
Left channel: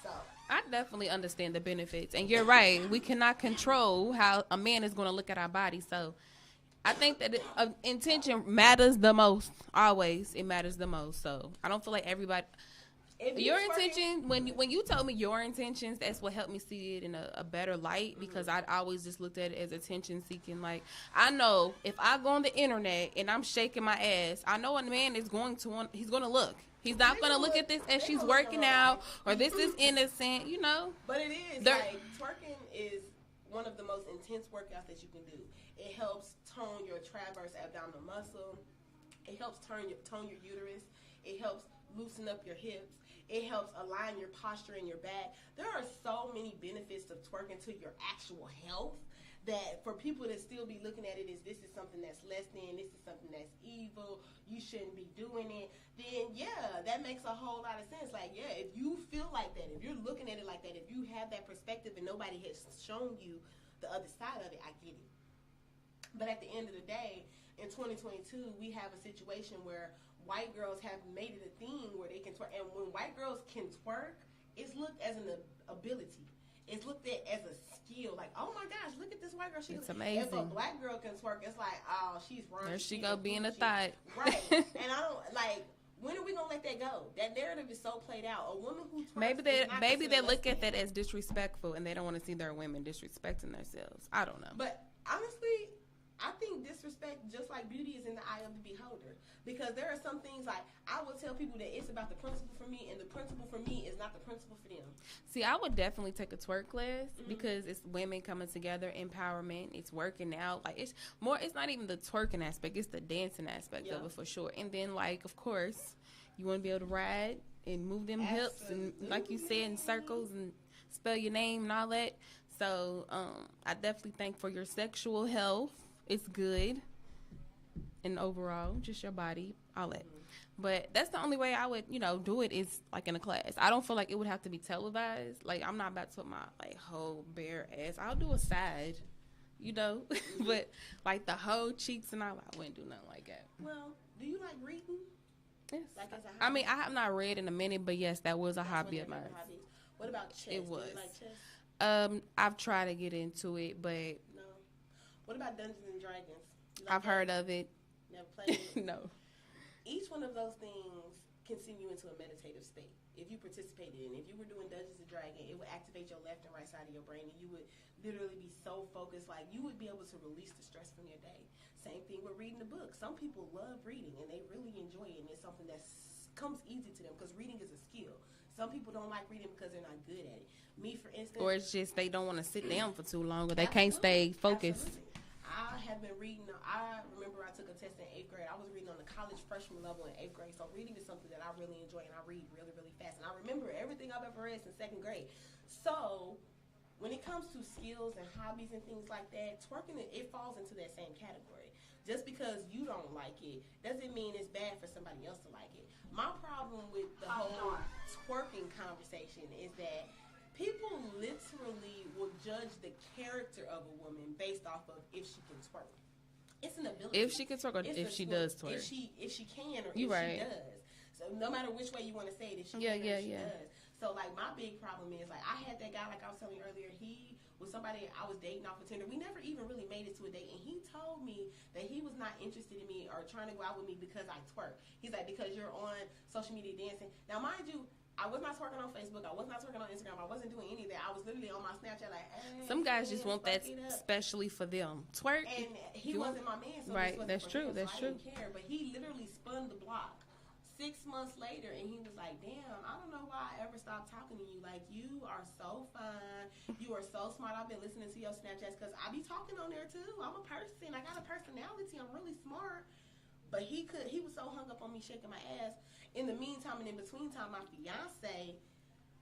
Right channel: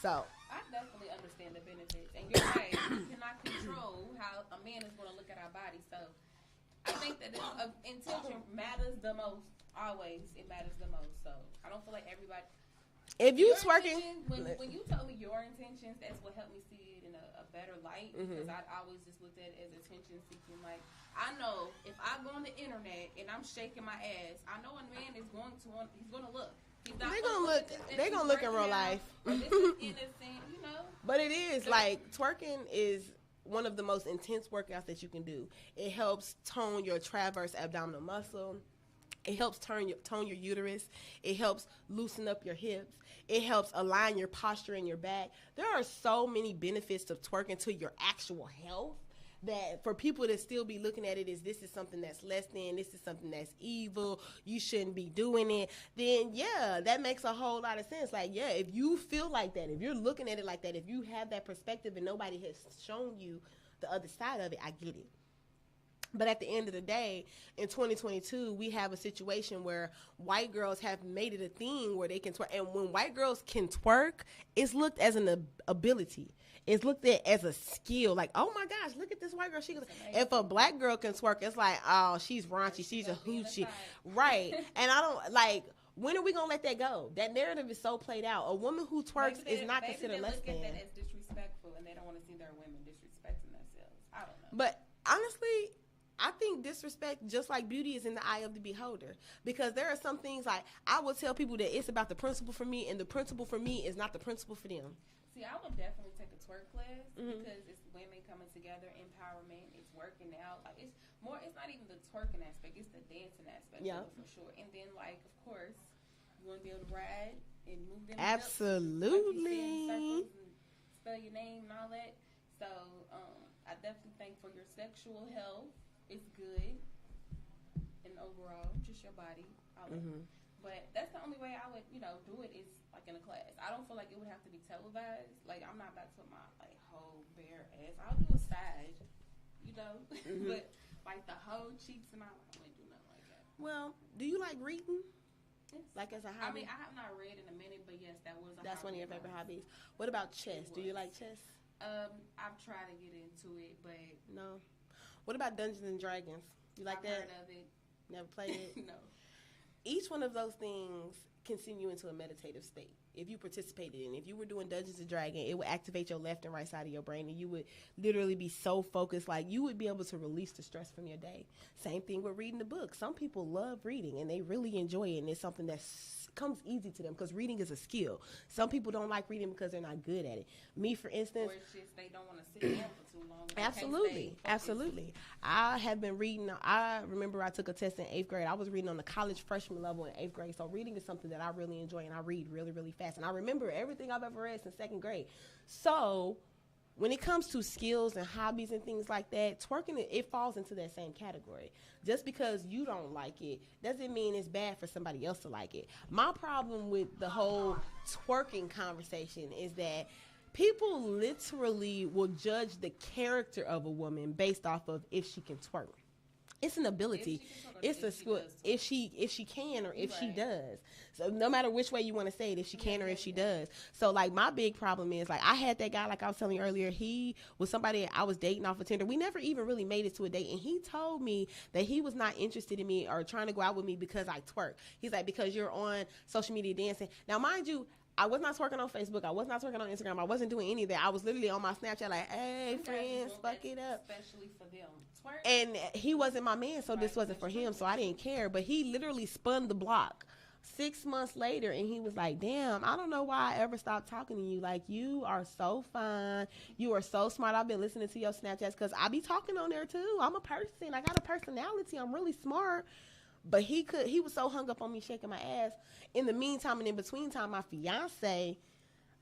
So I definitely understand the benefits, and you're right. We cannot control how a man is going to look at our body. So I think that intention matters the most. Always, it matters the most. So I don't feel like everybody. If your intention, when you told me your intentions, that's what helped me see it in a better light, because I always just looked at it as attention seeking. Like, I know if I go on the internet and I'm shaking my ass, I know a man is he's going to look. He's not going to look at this as she's working out, or this is innocent, you know. But it is, like, twerking is one of the most intense workouts that you can do. It helps tone your transverse abdominal muscle. It helps tone your uterus. It helps loosen up your hips. It helps align your posture and your back. There are so many benefits of twerking to your actual health, that for people to still be looking at it as this is something that's less than, this is something that's evil, you shouldn't be doing it, then yeah, that makes a whole lot of sense. Like, yeah, if you feel like that, if you're looking at it like that, if you have that perspective and nobody has shown you the other side of it, I get it. But at the end of the day, in 2022, we have a situation where white girls have made it a thing where they can twerk. And when white girls can twerk, it's looked as an ability. It's looked at as a skill. Like, oh my gosh, look at this white girl. If a black girl can twerk, it's like, oh, she's raunchy. She's a hoochie. Right. And I don't, like, when are we going to let that go? That narrative is so played out. A woman who twerks maybe they look at that as disrespectful, and they don't want to see their women disrespecting themselves. I don't know. But honestly, I think disrespect, just like beauty, is in the eye of the beholder. Because there are some things, like, I will tell people that it's about the principle for me, and the principle for me is not the principle for them. See, I would definitely take a twerk class, because it's women coming together, empowerment, it's working out. Like, it's not even the twerking aspect, it's the dancing aspect of it, for sure. And then, like, of course, you want to be able to ride and move them hips, and, like you said, in circles, and spell your name and all that. So I definitely think for your sexual health, it's good. and overall, just your body, all that. But that's the only way I would, do it is like in a class. I don't feel like it would have to be televised. Like I'm not about to put my like whole bare ass. I'll do a side, but like the whole cheeks and all, I wouldn't do nothing like that. Well, do you like reading? Yes. Like as a hobby? I mean, I have not read in a minute, but yes, that was a hobby of mine. Hobbies. What about chess? It was. Do you like chess? I've tried to get into it, but no. What about Dungeons and Dragons? You like I've heard of it. Never played it? No. Each one of those things can send you into a meditative state. If you participated in, if you were doing Dungeons and Dragons, it would activate your left and right side of your brain, and you would literally be so focused, like you would be able to release the stress from your day. Same thing with reading the book. Some people love reading, and they really enjoy it, and it's something that comes easy to them because reading is a skill. Some people don't like reading because they're not good at it. Me, for instance, or it's just they don't want to sit down for too long, or they can't stay focused. Absolutely. I have been reading. I remember I took a test in 8th grade. I was reading on the college freshman level in 8th grade. So reading is something that I really enjoy, and I read really, really fast. And I remember everything I've ever read since 2nd grade. So when it comes to skills and hobbies and things like that, twerking, it falls into that same category. Just because you don't like it doesn't mean it's bad for somebody else to like it. My problem with the whole twerking conversation is that people literally will judge the character of a woman based off of if she can twerk. It's an ability. If she can twerk, or if she does twerk. If she can, or if right. she does. So no matter which way you want to say it, if she can or if she does. So like my big problem is, like, I had that guy, like I was telling you earlier, he was somebody I was dating off of Tinder. We never even really made it to a date, and he told me that he was not interested in me or trying to go out with me because I twerk. He's like, because you're on social media dancing. Now mind you, I was not twerking on Facebook. I was not twerking on Instagram. I wasn't doing any of that. I was literally on my Snapchat like, hey, some guys just want that especially for them. Twerk. And he wasn't my man, so this wasn't for him, so I didn't care. But he literally spun the block 6 months later, and he was like, damn, I don't know why I ever stopped talking to you. Like, you are so fine. You are so smart. I've been listening to your Snapchats because I be talking on there, too. I'm a person. I got a personality. I'm really smart. But he was so hung up on me shaking my ass. In the meantime and in between time, my fiance,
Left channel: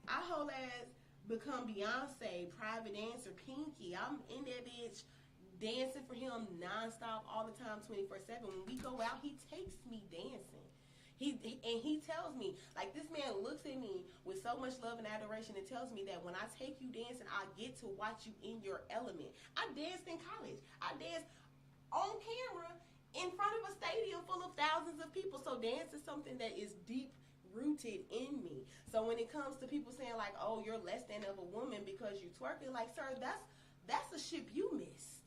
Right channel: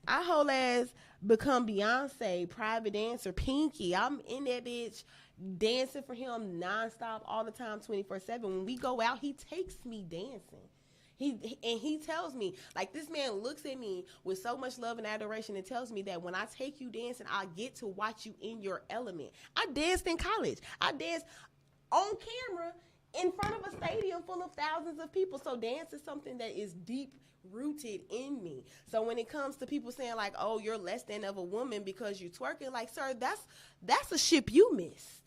I whole ass become Beyonce, private dancer, Pinky. I'm in that bitch dancing for him nonstop all the time, 24/7. When we go out, he takes me dancing. He tells me, like, this man looks at me with so much love and adoration and tells me that when I take you dancing, I get to watch you in your element. I danced in college. I danced on camera in front of a stadium full of thousands of people. So dance is something that is deep rooted in me. So when it comes to people saying like, oh, you're less than of a woman because you twerking, like, sir, that's a ship you missed.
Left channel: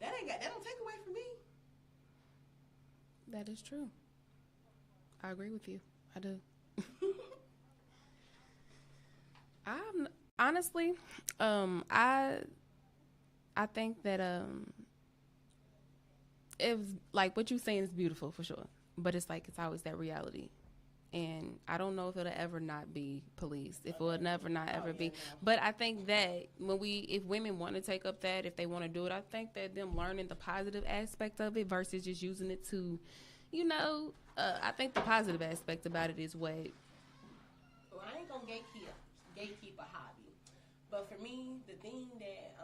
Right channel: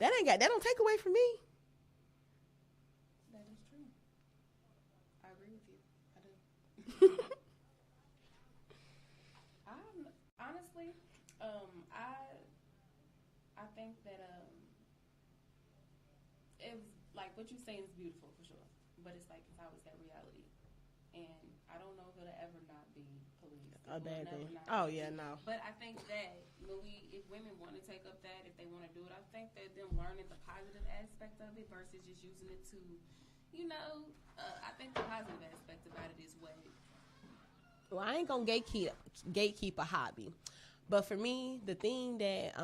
That don't take away from me. That is true. I agree with you. I do. Honestly, I think that it was like what you're saying is beautiful for sure, but it's like it's always that reality, and I don't know if it'll ever not be policed. If it will never not ever be. No. But I think that if women want to take up that, if they want to do it, I think that them learning the positive aspect of it versus just using it to, I think the positive aspect about it is what. Well, I ain't gonna gatekeep a hobby, but for me, the thing that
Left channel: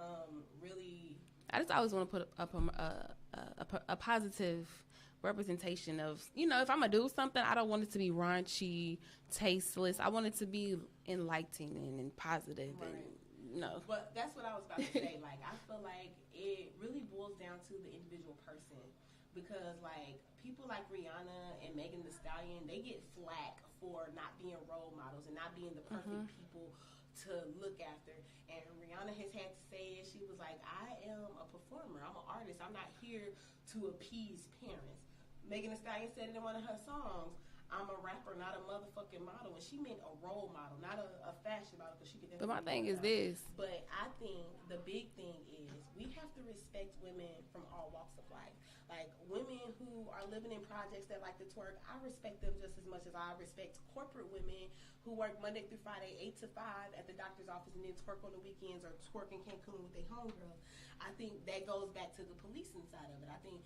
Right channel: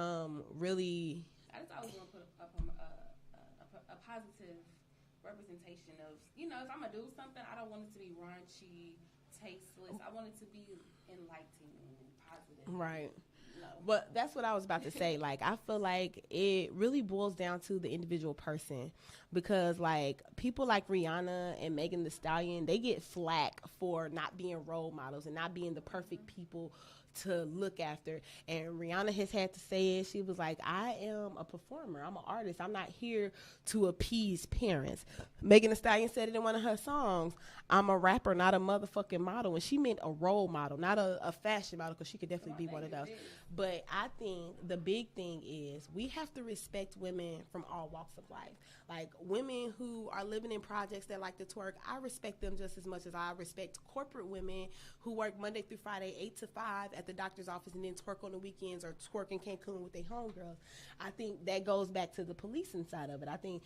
really, I just always want to put up a positive representation of, if I'm gonna do something, I don't want it to be raunchy, tasteless. I want it to be enlightening and positive. Right. No. But that's what I was about to say. Like, I feel like it really boils down to the individual person, because like people like Rihanna and Megan Thee Stallion, they get flack for not being role models and not being the perfect people to look after. And Rihanna has had to say it. She was like, I am a performer. I'm an artist. I'm not here to appease parents. Megan Thee Stallion said it in one of her songs. I'm a rapper, not a motherfucking model. And she meant a role model, not a fashion model, because she could definitely be one of those. But I think the big thing is we have to respect women from all walks of life. Like, women who are living in projects that like to twerk, I respect them just as much as I respect corporate women who work Monday through Friday, 8 to 5 at the doctor's office and then twerk on the weekends or twerk in Cancun with their homegirls. I think that goes back to the policing side of it. I think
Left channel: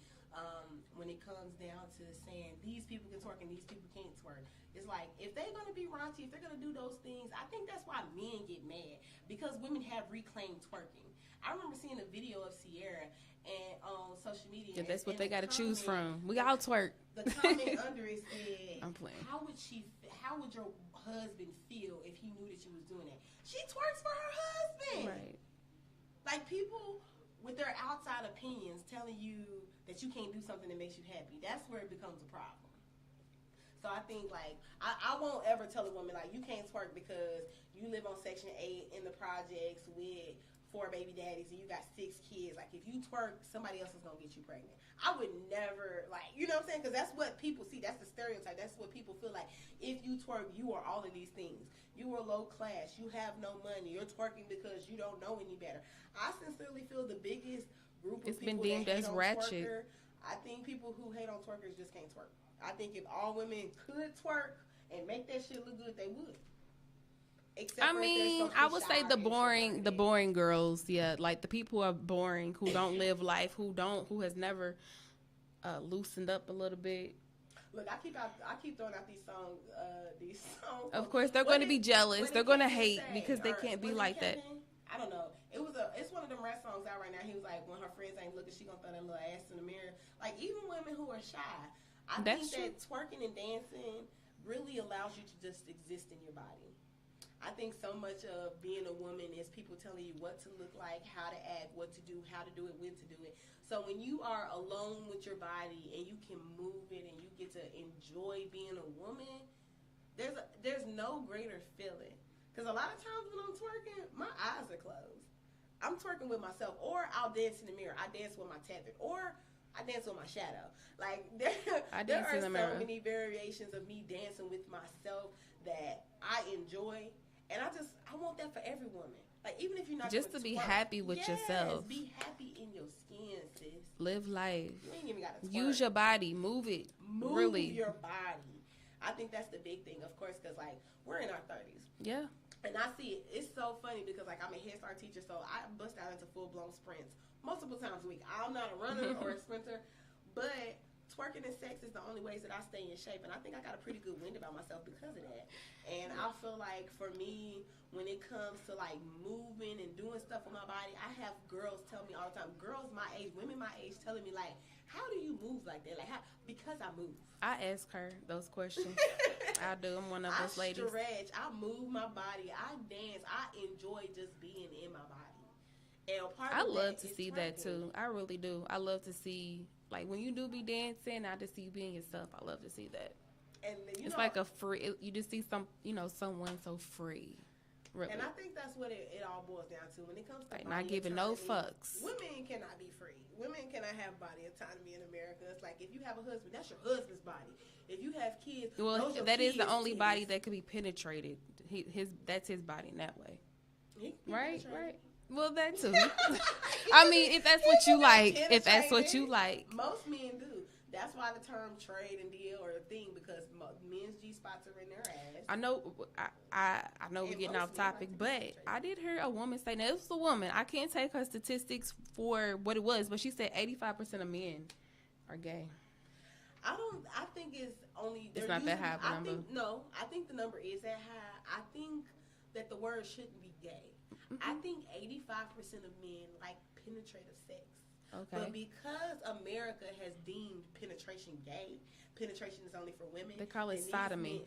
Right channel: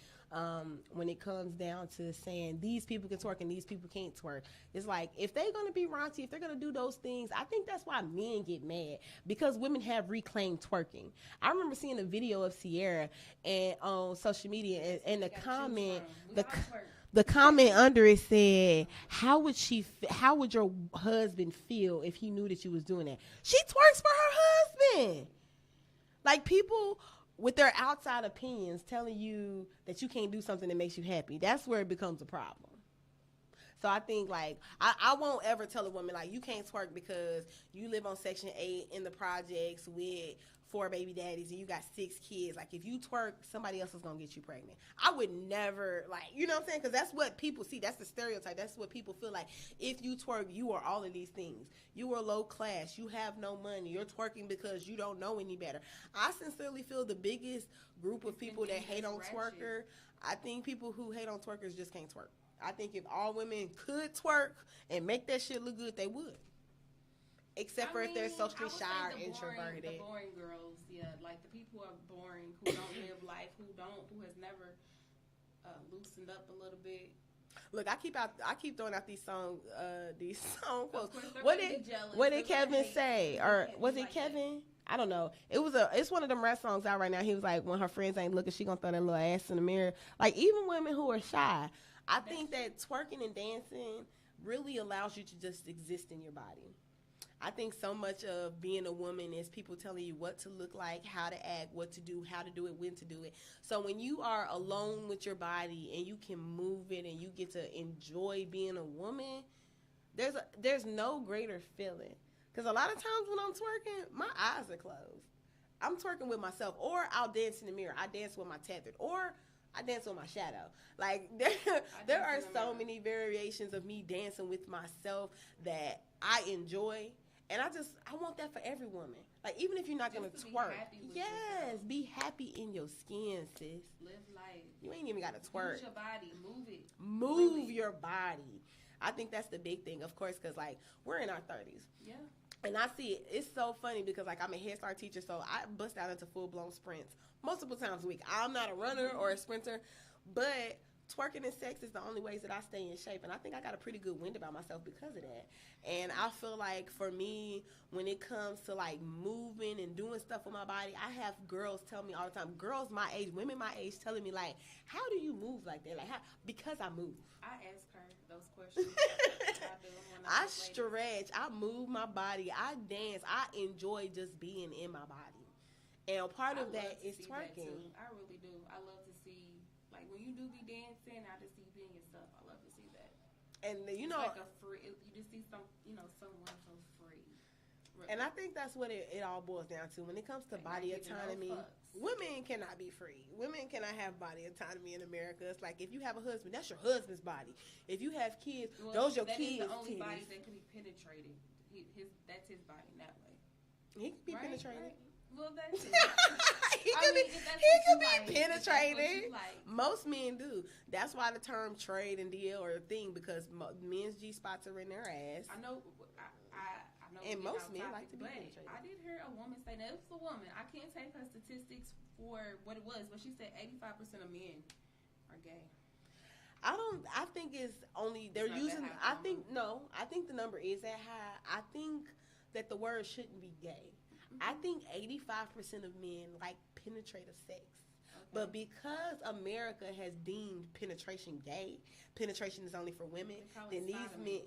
when it comes down to saying these people can twerk and these people can't twerk, it's like if they're going to be raunchy, if they're going to do those things, I think that's why men get mad, because women have reclaimed twerking. I remember seeing a video of Sierra and on social media, and that's and what they got to choose from. We all twerk. The comment under it said, how would your husband feel if he knew that you was doing that? She twerks for her husband. Right. Like, people with their outside opinions telling you that you can't do something that makes you happy, that's where it becomes a problem. So I think, like, I won't ever tell a woman, like, you can't twerk because you live on Section 8 in the projects with 4 baby daddies and you got 6 kids. Like, if you twerk, somebody else is going to get you pregnant. I would never, like, you know what I'm saying? Because that's what people see. That's the stereotype. That's what people feel like. If you twerk, you are all of these things. You are low class. You have no money. You're twerking because you don't know any better. I sincerely feel the biggest group of people that hate on twerker, I think people who hate on twerkers just can't twerk. I think if all women could twerk and make that shit look good, they would. Except for if they're I would say the boring girls, yeah, like the people who are boring, who don't live life, who has never loosened up a little bit. Look, I keep throwing out these songs. Of course, they're going to be jealous. They're going to hate because they can't be like that. I don't know. It's one of them rap songs out right now. He was like, when her friends ain't looking, she gonna throw that little ass in the mirror. Like, even women who are shy, I think that twerking and dancing really allows you to just exist in your body. I think so much of being a woman is people telling you what to look like, how to act, what to do, how to do it, when to do it. So when you are alone with your body and you can move it and you get to enjoy being a woman, there's no greater feeling. Because a lot of times when I'm twerking, my eyes are closed. I'm twerking with myself, or I'll dance in the mirror. I dance with my tethered, or I dance with my shadow. Like, there are so many variations of me dancing with myself that I enjoy. And I want that for every woman. Like, even if you're not just to be happy with yourself. Be happy in your skin, sis. Live life. You ain't even got to twerk. Use your body. Move it. Move your body. I think that's the big thing, of course, because, like, we're in our 30s. Yeah. And I see it. It's so funny because, like, I'm a Head Start teacher, so I bust out into full-blown sprints multiple times a week. I'm not a runner or a sprinter, but twerking and sex is the only ways that I stay in shape. And I think I got a pretty good wind about myself because of that. And I feel like, for me, when it comes to, like, moving and doing stuff with my body, I have girls tell me all the time, girls my age, women my age, telling me, like, how do you move like that? Like, how? Because I move. I ask her those questions. I do. I'm one of those ladies. I stretch. I move my body. I dance. I enjoy just being in my body. And part of I love to see that, too. I really do. I love to see, like, when you do be dancing, I just see you being yourself. I love to see that. And it's like a free, you just see someone so free. Really. And I think that's what it all boils down to. When it comes to like body not giving autonomy, no fucks. Women cannot be free. Women cannot have body autonomy in America. It's like, if you have a husband, that's your husband's body. If you have kids, those your that kids' is the only kids. Body that could be penetrated. That's his body in that way. Right. Well, that too. I mean, if that's what you like, most men do. That's why the term trade and deal or thing, because men's G spots are in their ass. I know, I know we're getting off topic, but I did hear a woman say, now it was a woman. I can't take her statistics for what it was, but she said 85% of men are gay. I think it's only. It's not that high. I think the number is that high. I think that the word shouldn't be gay. I think 85% of men like penetrative sex. Okay. But because America has deemed penetration gay, penetration is only for women. They call it sodomy.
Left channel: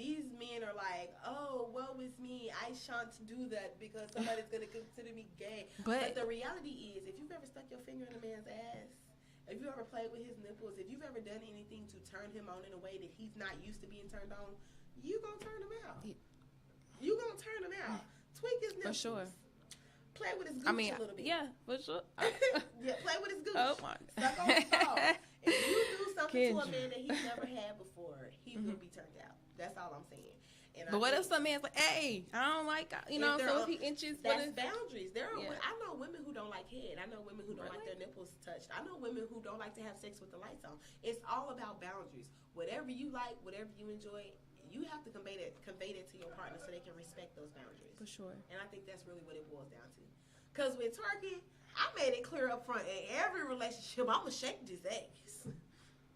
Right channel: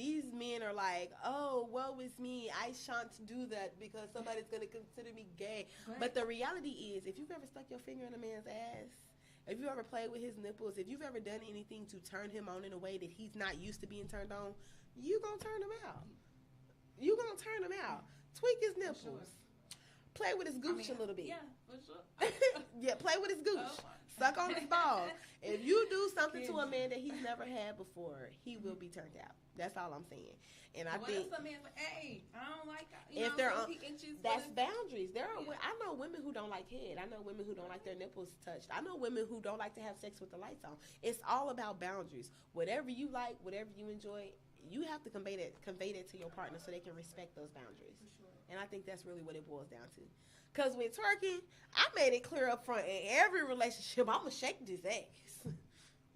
These men are like, oh, woe is me. I shan't do that because somebody's going to consider me gay. But the reality is, if you've ever stuck your finger in a man's ass, if you ever played with his nipples, if you've ever done anything to turn him on in a way that he's not used to being turned on, you going to turn him out. You going to turn him out. Tweak his nipples. For sure. Play with his gooch a little bit. Yeah, for sure. Play with his gooch. Oh my. Suck on his ball. If you do something to a man that he's never had before, he will be turned out. That's all I'm saying. But what if some man's like, hey, I don't like, so he inches. That's boundaries. I know women who don't like head. I know women who don't like their nipples touched. I know women who don't like to have sex with the lights on. It's all about boundaries. Whatever you like, whatever you enjoy, you have to convey that to your partner so they can respect those boundaries. For sure. And I think that's really what it boils down to. Because with twerking, I made it clear up front, in every relationship, I'm going to shake this ass.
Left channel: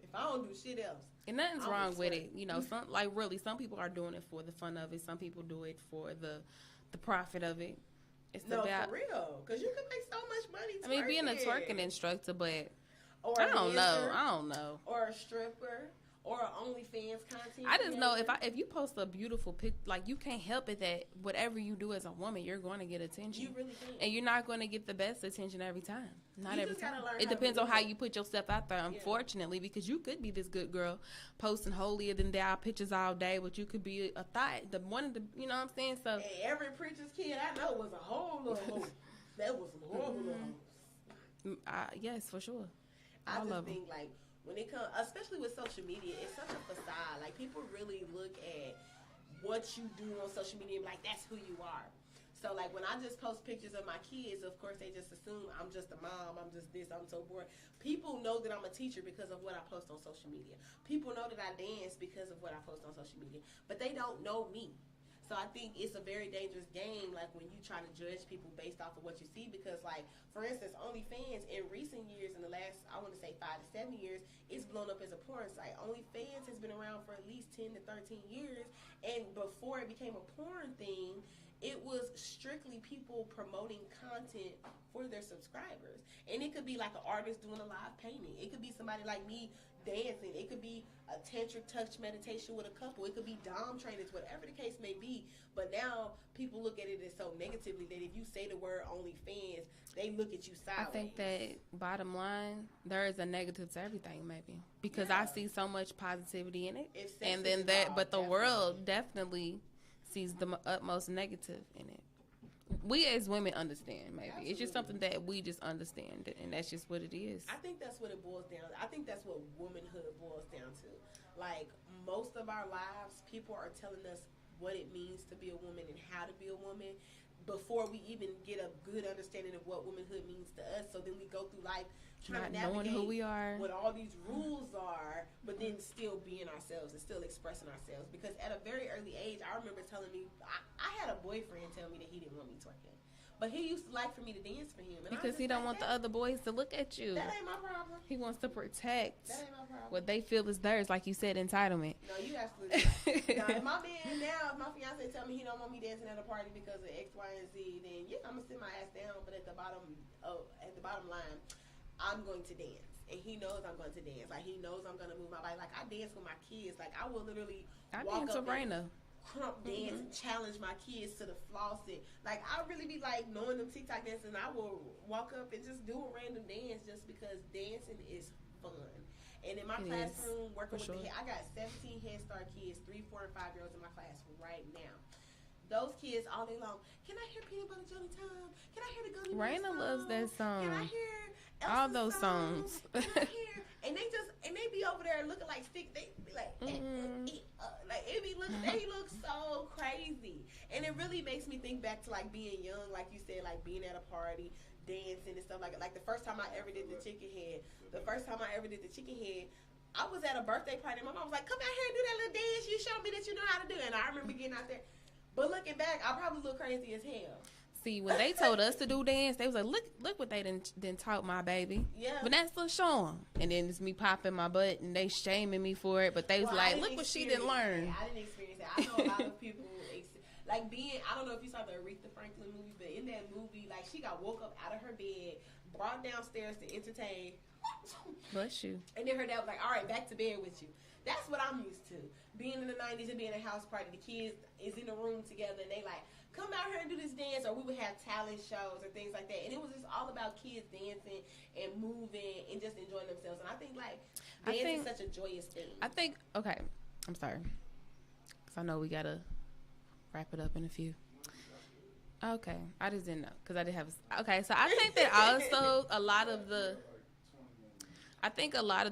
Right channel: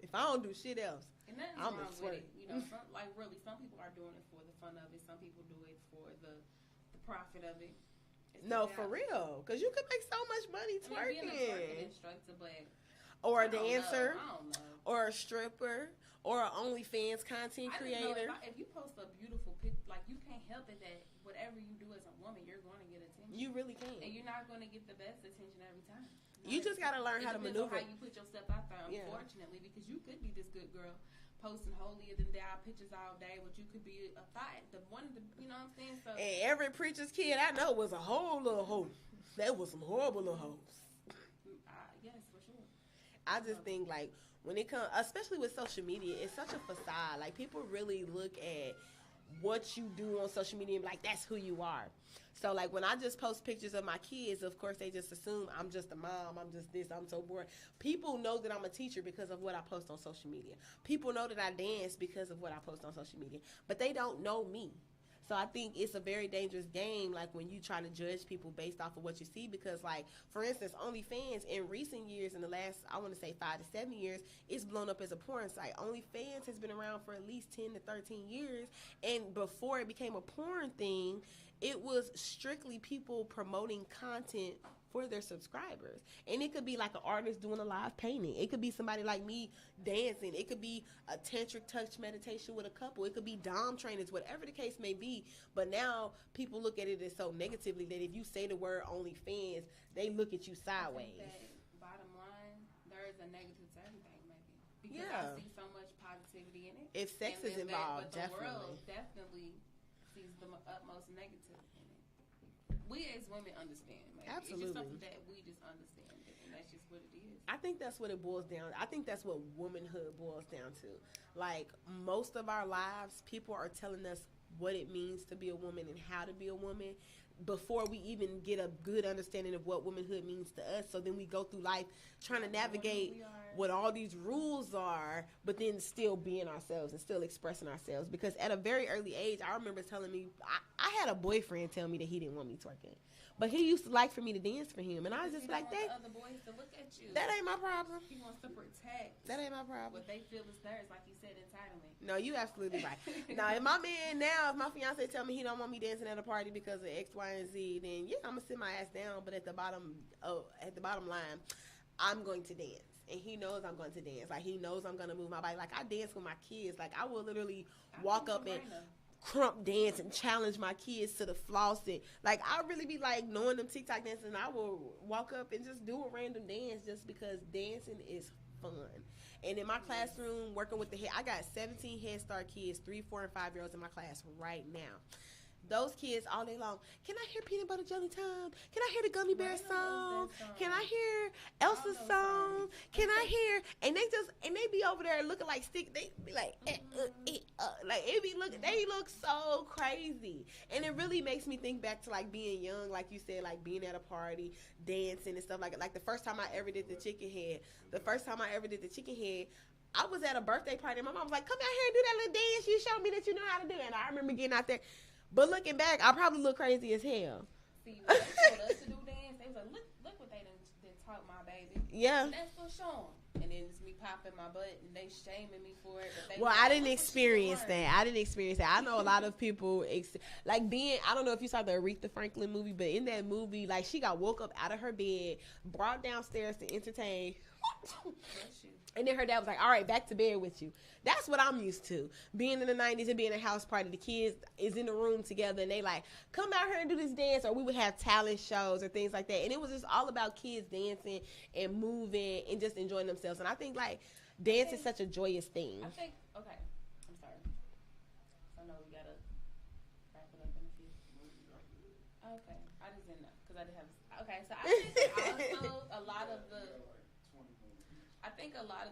If I don't do shit else. And nothing's wrong with it. You know, some people are doing it for the fun of it. Some people do it for the profit of it. For real. Because you can make so much money twerking. I mean, being a twerking instructor, but or a dancer. I don't know. Or a stripper. Or an OnlyFans content I just know if you post a beautiful pic, like, you can't help it that whatever you do as a woman, you're going to get attention. You really can. And you're not going to get the best attention every time. You just got to learn. It depends on how you put yourself out there, unfortunately, because you could be this good girl posting holier than thou pictures all day, but you could be a thought, one of the, you know what I'm saying? So, and every preacher's kid I know was a whole little hoe. That was some horrible little hoes. Yes, for sure. I just think, like, when it comes, especially with social media, it's such a facade. Like, people really look at what you do on social media and be like, that's who you are. So, like, when I just post pictures of my kids, of course, they just assume I'm just a mom, I'm just this, I'm so bored. People know that I'm a teacher because of what I post on social media. People know that I dance because of what I post on social media. But they don't know me. So I think it's a very dangerous game, like, when you try to judge people based off of what you see, because, like, for instance, OnlyFans in recent years, in the last, I want to say 5 to 7 years, it's blown up as a porn site. OnlyFans has been around for at least 10 to 13 years, and before it became a porn thing, it was strictly people promoting content for their subscribers. And it could be like an artist doing a live painting. It could be somebody like me dancing. It could be a tantric touch meditation with a couple. It could be dom trainers, whatever the case may be. But now people look at it as so negatively that if you say the word OnlyFans, they look at you sideways. I think that bottom line, there is a negative to everything, maybe, because I see so much positivity in it. If sex and then involved, but the world definitely sees the utmost negative in it. We as women understand, maybe. Absolutely. It's just something that we just understand, and that's just what it is. I think that's what it boils down to. I think that's what womanhood boils down to. Like, most of our lives, people are telling us what it means to be a woman and how to be a woman before we even get a good understanding of what womanhood means to us. So then we go through life trying to navigate who we are, what all these rules are, but then still being ourselves and still expressing ourselves. Because at a very early age, I remember telling me, I had a boyfriend tell me that he didn't want me twerking. But he used to like for me to dance for him. And because he don't want the other boys to look at you. That ain't my problem. He wants to protect. That ain't my problem. What they feel is theirs, like you said, entitlement. No, you absolutely right. Now, if my man if my fiance tell me he don't want me dancing at a party because of X, Y, and Z, then yeah, I'm gonna sit my ass down. But at the bottom line, I'm going to dance. And he knows I'm going to dance. Like, he knows I'm going to move my body. Like, I dance with my kids. Like, I will literally walk up and crump dance and challenge my kids to the floss. Like, I really be, like, knowing them TikTok dances. And I will walk up and just do a random dance just because dancing is fun. And in my classroom, working with I got 17 Head Start kids, 3, 4, and 5-year-olds in my class right now. Those kids all day long. Can I hear Peanut Butter Jelly Time? Can I hear the Gummy Bear song? Loves that song. Can I hear Elsa's all those songs? Can I hear? And they be over there looking like stick. They be like, like they look so crazy. And it really makes me think back to, like, being young, like you said, like being at a party, dancing and stuff like the first time I ever did the chicken head. I was at a birthday party. My mom was like, come out here and do that little dance. You showed me that you know how to do it. And I remember getting out there. But looking back, I probably look crazy as hell. See, when they told us to do dance, they was like, look what they done taught my baby. Yeah. But that's still showing. And then it's me popping my butt and they shaming me for it. But they was like, I didn't experience that. I know a lot of people, I don't know if you saw the Aretha Franklin movie, but in that movie, like, she got woke up out of her bed, brought downstairs to entertain. Bless you. And then her dad was like, all right, back to bed with you. That's what I'm used to. Being in the 90s and being a house party, the kids is in the room together and they like, come out here and do this dance, or we would have talent shows or things like that. And it was just all about kids dancing and moving and just enjoying themselves. And I think, like, dance is such a joyous thing. Okay, I'm sorry. Because I know we got to wrap it up in a few. Okay, I just didn't know. Because I didn't have okay, so I think that also a lot of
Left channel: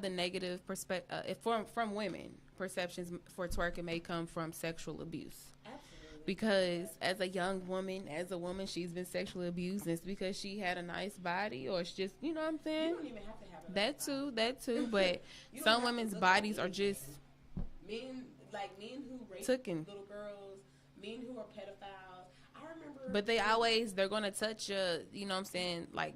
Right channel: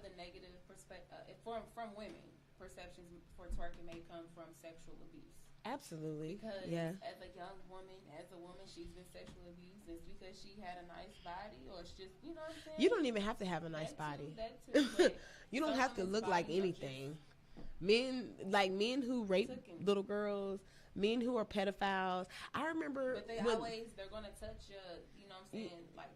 the negative perspective from women perceptions for twerking may come from sexual abuse. Absolutely. Because as a young woman, she's been sexually abused. And it's because she had a nice body, or it's just, you know what I'm saying? You don't even have to have a nice body. That too. But some women's bodies are just men who rape little girls, men who are pedophiles. I remember, but they're gonna touch you know what I'm saying, like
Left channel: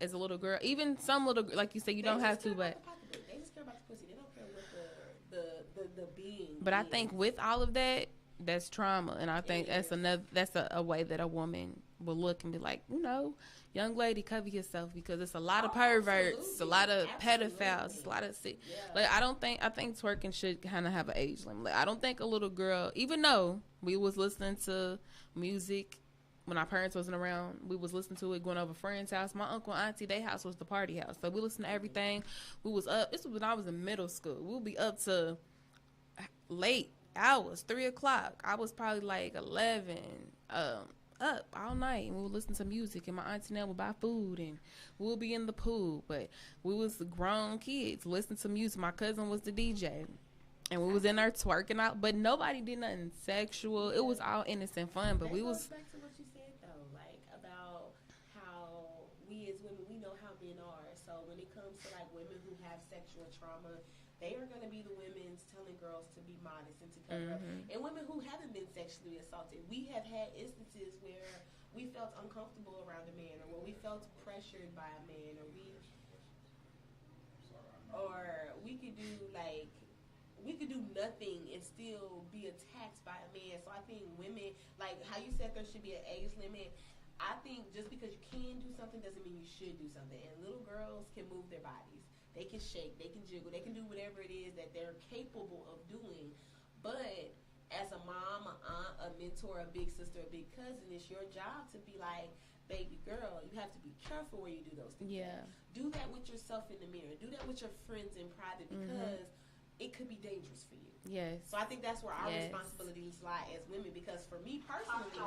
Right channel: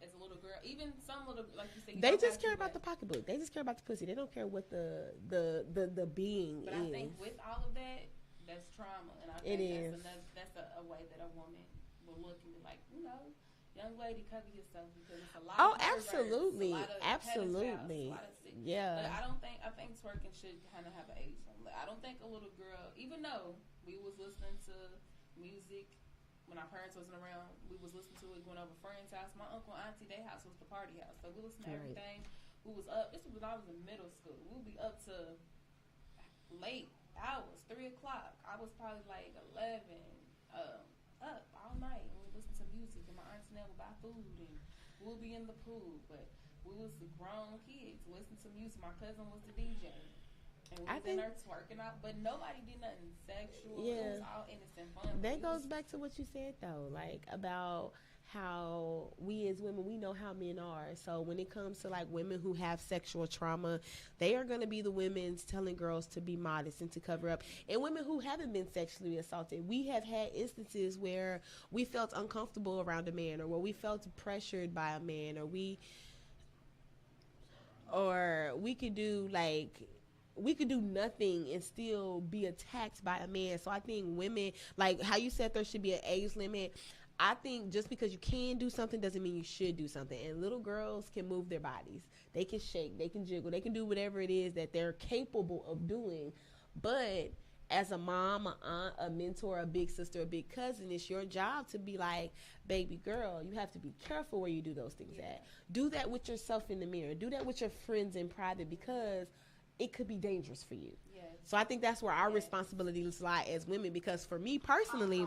as a little girl, even some little, like you said, you don't have to. They just care about the pocketbook. They just care about the pussy. They don't care what the being. But is. I think with all of that, that's trauma, and I think that's a way that a woman will look and be like, you know, young lady, cover yourself, because it's a lot of perverts, a lot of pedophiles, a lot of sick. Yeah. Like I think twerking should kind of have an age limit. Like, I don't think a little girl, even though we was listening to music when our parents wasn't around, we was listening to it going over friends' house. My uncle and auntie, their house was the party house, so we listened to everything. We was up. This was when I was in middle school. We'll be up to late hours, 3:00. I was probably like 11. Up all night, and we would listen to music, and my auntie and them would buy food, and we'll be in the pool. But we was grown kids listening to music. My cousin was the DJ, and we was in there twerking out, but nobody did nothing sexual. Yeah. It was all innocent fun. But that goes back to what you said though, like about how we as women, we know how men are. So when it comes to like women who have sexual trauma, they are going to be the women telling girls to be modest and to cover up. And women who haven't been sexually assaulted, we have had instances where we felt uncomfortable around a man, or where we felt pressured by a man, or we could do nothing and still be attacked by a man. So I think women, like how you said there should be an age limit, I think just because you can do something doesn't mean you should do something. And little girls can move their bodies. They can shake, they can jiggle, they can do whatever it is that they're capable of doing. But as a mom, a aunt, a mentor, a big sister, a big cousin, it's your job to be like, baby girl, you have to be careful where you do those things. Yeah. Do that with yourself in the mirror. Do that with your friends in private, because it could be dangerous for you. Yes. So I think that's where our responsibilities lie as women, because for me personally,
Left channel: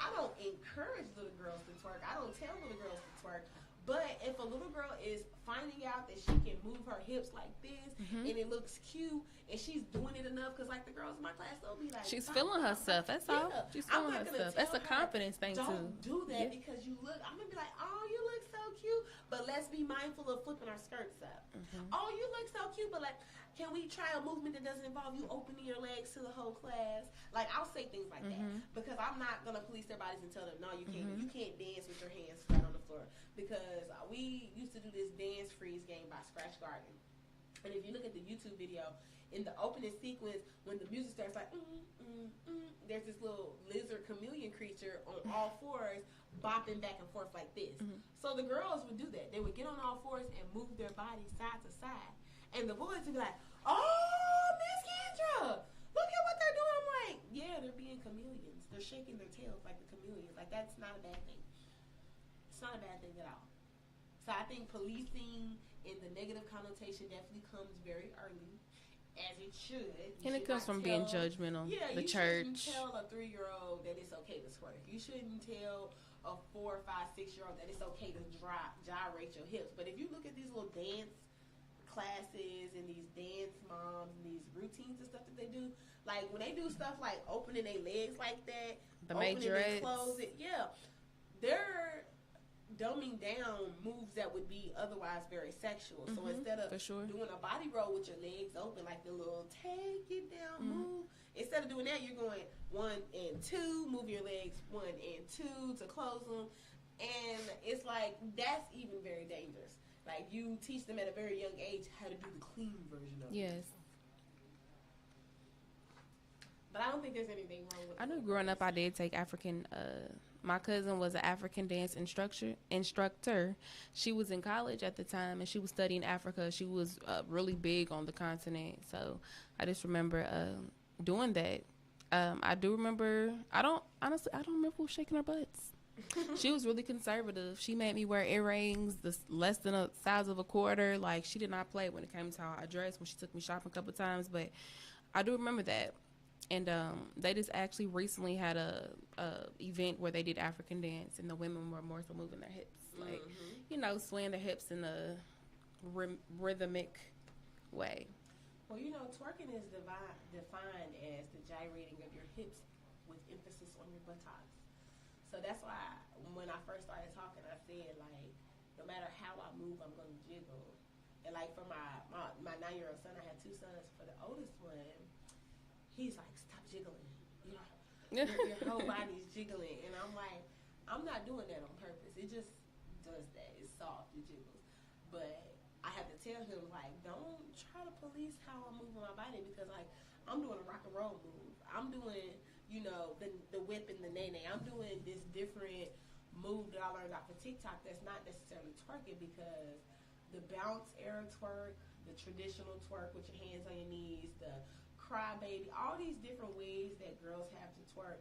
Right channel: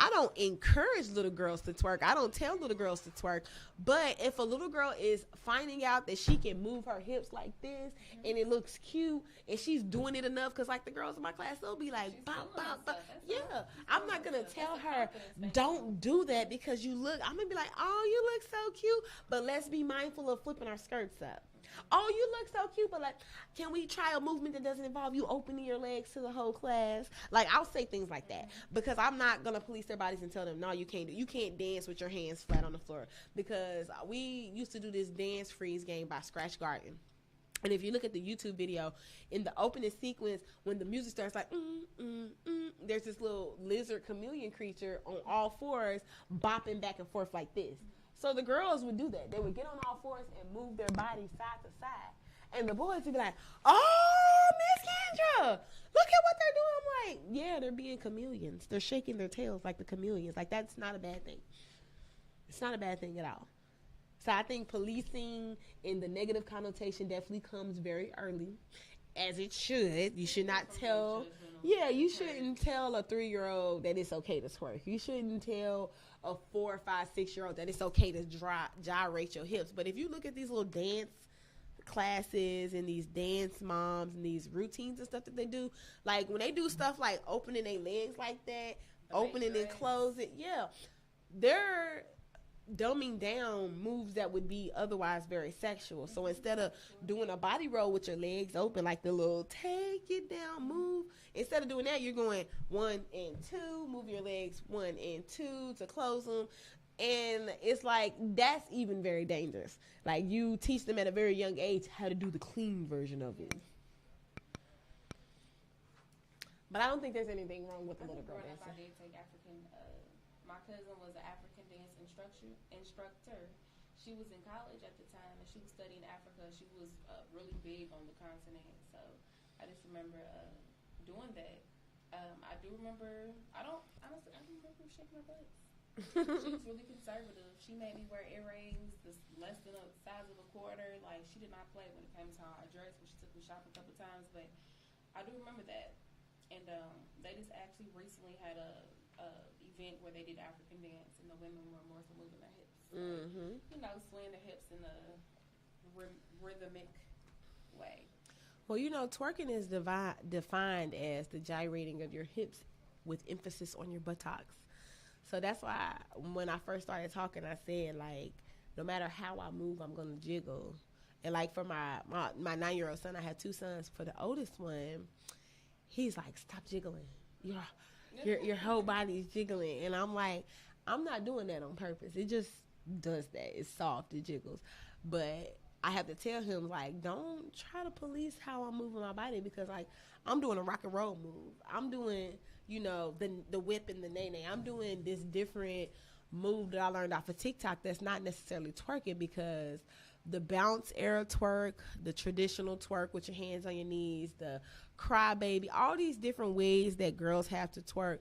I don't encourage little girls to twerk. I don't tell little girls to twerk. But if a little girl is finding out that she can move her hips like this and it looks cute and she's doing it enough, because like the girls in my class, they'll be like, she's feeling herself. That's all. I'm not going to tell her, don't do that because you look, I'm going to be like, oh, you look so cute. But let's be mindful of flipping our skirts up. Oh, you look so cute. But like, can we try a movement that doesn't involve you opening your legs to the whole class? Like, I'll say things like that, because I'm not going to police their bodies and tell them, no, you can't you can't dance with your hands flat on the floor. Because we used to do this dance freeze game by Scratch Garden. And if you look at the YouTube video, in the opening sequence, when the music starts like, there's this little lizard chameleon creature on all fours bopping back and forth like this. So the girls would do that. They would get on all fours and move their bodies side to side. And the boys would be like, oh, Miss Kendra, look at what they're doing. I'm like, yeah, they're being chameleons. They're shaking their tails like the chameleons. Like, that's not a bad thing. It's not a bad thing at all. So I think policing in the negative connotation definitely comes very early, as it should. You should not from being judgmental. Yeah, you shouldn't tell a 3-year-old that it's okay to twerk. You shouldn't tell a 4, 5, 6-year-old that it's okay to gyrate your hips. But if you look at these little dance classes and these dance moms and these routines and stuff that they do, like when they do stuff like opening their legs like that, opening their clothes, they're dumbing down moves that would be otherwise very sexual. So instead of doing a body roll with your legs open, like the little take it down move, instead of doing that, you're going 1 and 2, move your legs 1 and 2 to close them. And it's like, that's even very dangerous. Like, you teach them at a very young age how to do the clean version of it. But I don't think there's anything wrong with it. I know growing up I did take African, my cousin was an African dance instructor. She was in college at the time, and she was studying Africa. She was really big on the continent. So I just remember doing that. I do remember, I don't remember who was shaking her butts. She was really conservative. She made me wear earrings less than a size of a quarter. Like, she did not play when it came to how I dressed when she took me shopping a couple of times. But I do remember that. And they just actually recently had a event where they did African dance, and the women were more so moving their hips, like swaying their hips in a rhythmic way. Well, twerking is defined as the gyrating of your hips with emphasis on your buttocks. So that's why when I first started talking, I said, like, no matter how I move, I'm gonna jiggle. And like for my 9-year-old son, I have 2 sons. For the oldest one, he's like, stop jiggling. Your whole body is jiggling. And I'm like, I'm not doing that on purpose. It just does that. It's soft. It jiggles. But I have to tell him, like, don't try to police how I'm moving my body, because, like, I'm doing a rock and roll move. I'm doing, you know, the whip and the nay-nay. I'm doing this different move that I learned off of TikTok that's not necessarily twerking, because the bounce era twerk, the traditional twerk with your hands on your knees, the cry baby, all these different ways that girls have to twerk,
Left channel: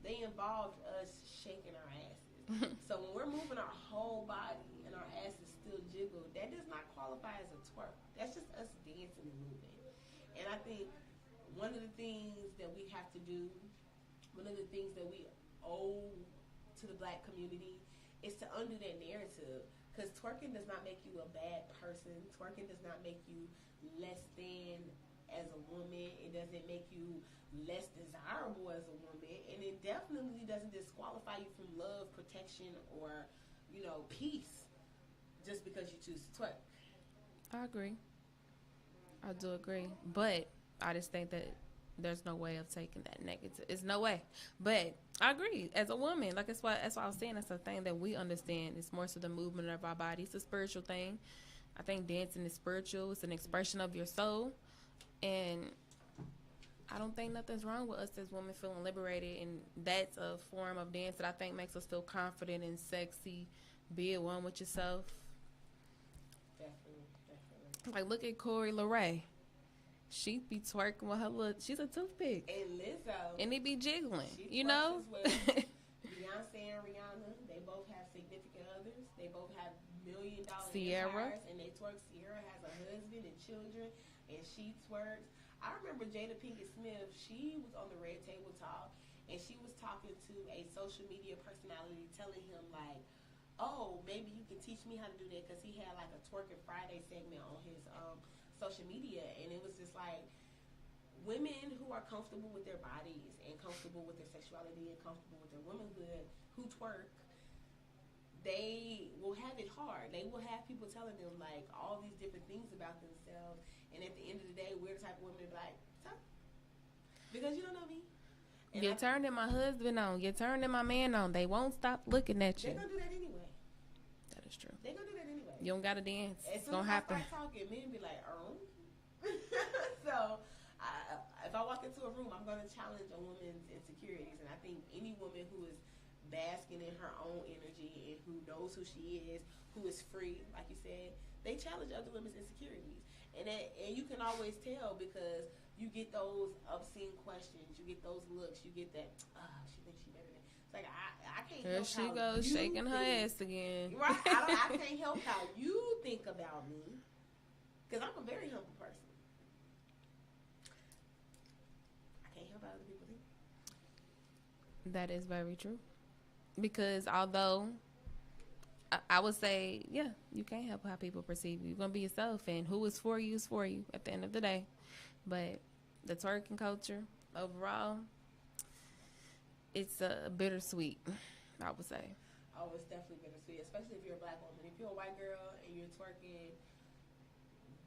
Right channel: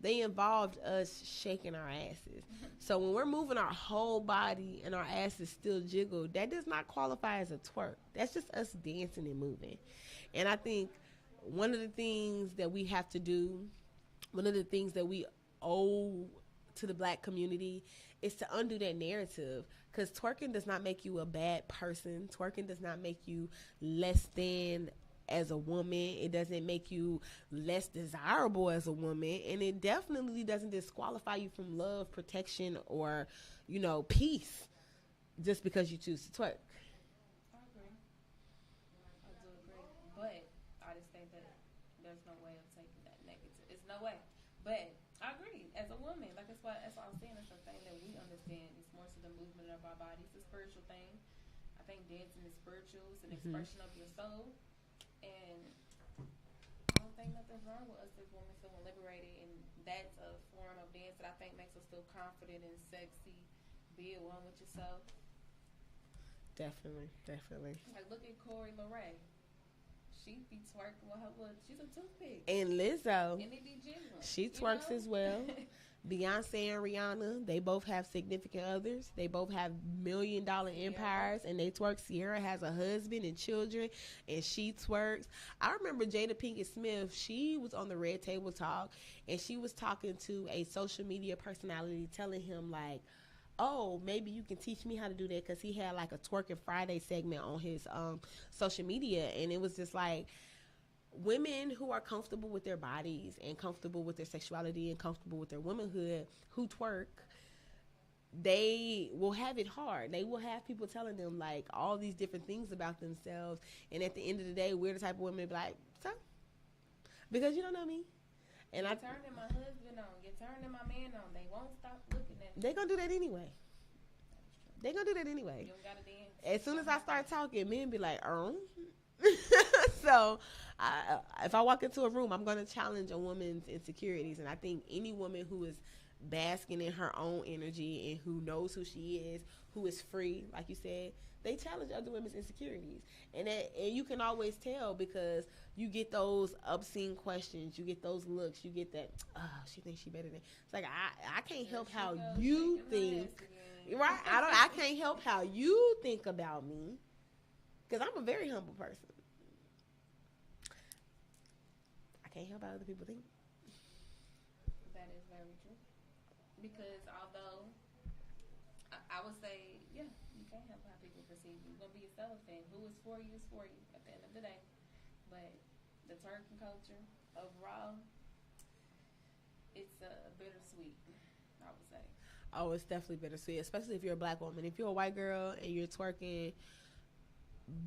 they involved us shaking our asses. So when we're moving our whole body and our asses still jiggle, that does not qualify as a twerk. That's just us dancing and moving. And I think one of the things that we have to do, one of the things that we owe to the black community, is to undo that narrative. Because twerking does not make you a bad person. Twerking does not make you less than as a woman. It doesn't make you less desirable as a woman. And it definitely doesn't disqualify you from love, protection, or, you know, peace just because you choose to twerk. I agree. I do agree. But I just think that there's no way of taking that negative. It's no way. But I agree. As a woman, like that's why I was saying, it's a thing that we understand. It's more so the movement of our body. It's a spiritual thing. I think dancing is spiritual. It's an expression of your soul. And I don't think nothing's wrong with us as women feeling liberated. And that's a form of dance that I think makes us feel confident and sexy. Be at one with yourself. Definitely. Like, look at Corey LeRae. She be twerking with her little, she's a toothpick. And Lizzo. And it be jiggling. She twerks as well. Beyonce and Rihanna, they both have significant others. They both have $1 million empires, and they twerk. Sierra has a husband and children, and she twerks. I remember Jada Pinkett Smith, she was on the Red Table Talk, and she was talking to a social media personality, telling him, like, oh, maybe you can teach me how to do that, because he had like a Twerking Friday segment on his social media, and it was just like, women who are comfortable with their bodies and comfortable with their sexuality and comfortable with their womanhood who twerk, they will have it hard. They will have people telling them like all these different things about themselves, and at the end of the day, we're the type of women to be like, so? Because you don't know me. And you're turning my husband on. You're turning my man on. They won't stop looking at you. They're going to do that anyway. That is true. They're going to do that anyway. You don't got to dance. As soon as I start talking, men be like, So, if I walk into a room, I'm going to challenge a woman's insecurities. And I think any woman who is basking in her own energy and who knows who she is, who is free, like you said, they challenge other women's insecurities. And you can always tell, because you get those obscene questions, you get those looks, you get that, she thinks she better than. It's like, I can't help how goes you shaking think, her ass again. Right? I can't help how you think about me, because I'm a very humble person. I can't help how other people think. That is very true. Because although I would say, yeah, you can't help how people perceive you. You're going to be yourself, and who is for you at the end of the day. But the twerking culture overall, it's bittersweet, I would say. Oh, it's definitely bittersweet, especially if you're a black woman. If you're a white girl and you're twerking,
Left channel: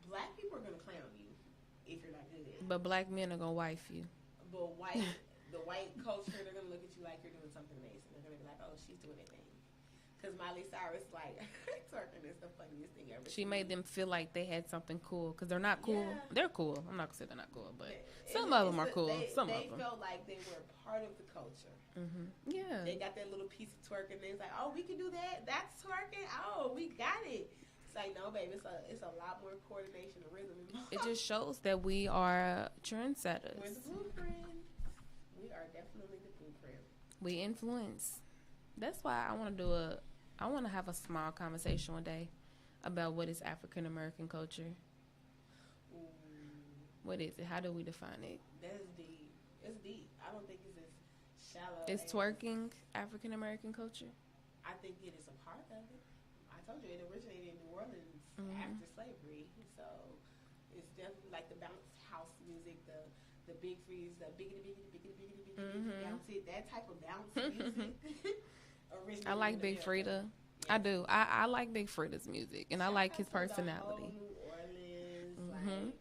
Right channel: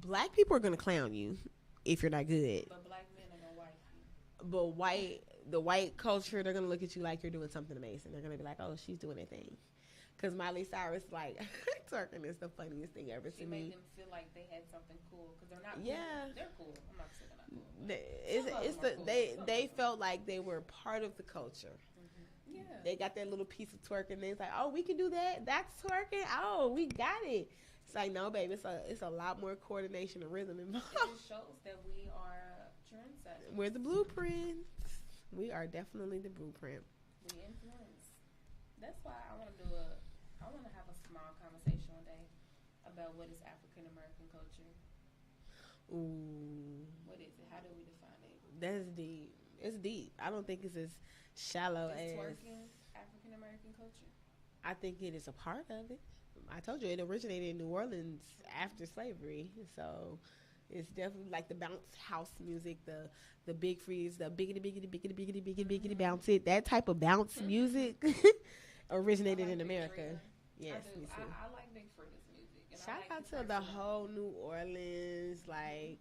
black people are going to clown you if you're not good. But black men are going to wife you. But the white culture, they're going to look at you like you're doing something amazing. They're going to be like, oh, she's doing her thing. Because Miley Cyrus, like, twerking is the funniest thing ever. She made them feel like they had something cool, because they're not cool. Yeah. They're cool. I'm not going to say they're not cool, but some of them are cool. They felt like they were part of the culture. Mm-hmm. Yeah. They got their little piece of twerking, and they was like, oh, we can do that? That's twerking? Oh, we got it. It's like, no, baby, it's a lot more coordination and rhythm involved. It just shows that we are trendsetters. We're the blueprint. We are definitely the blueprint. We influence. That's why I want to have a small conversation one day about what is African American culture. Ooh. What is it? How do we define it? That's deep. It's deep. I don't think it's as shallow as twerking African American culture? I think it is a part of it. I told you it originated in New Orleans after slavery. So it's definitely like the bounce house music, the big freeze, the biggity bounce it, that type of bounce music originated in America. I like Big Frida. I do. I like Big Fritta's music, and I like his personality. The whole New Orleans, like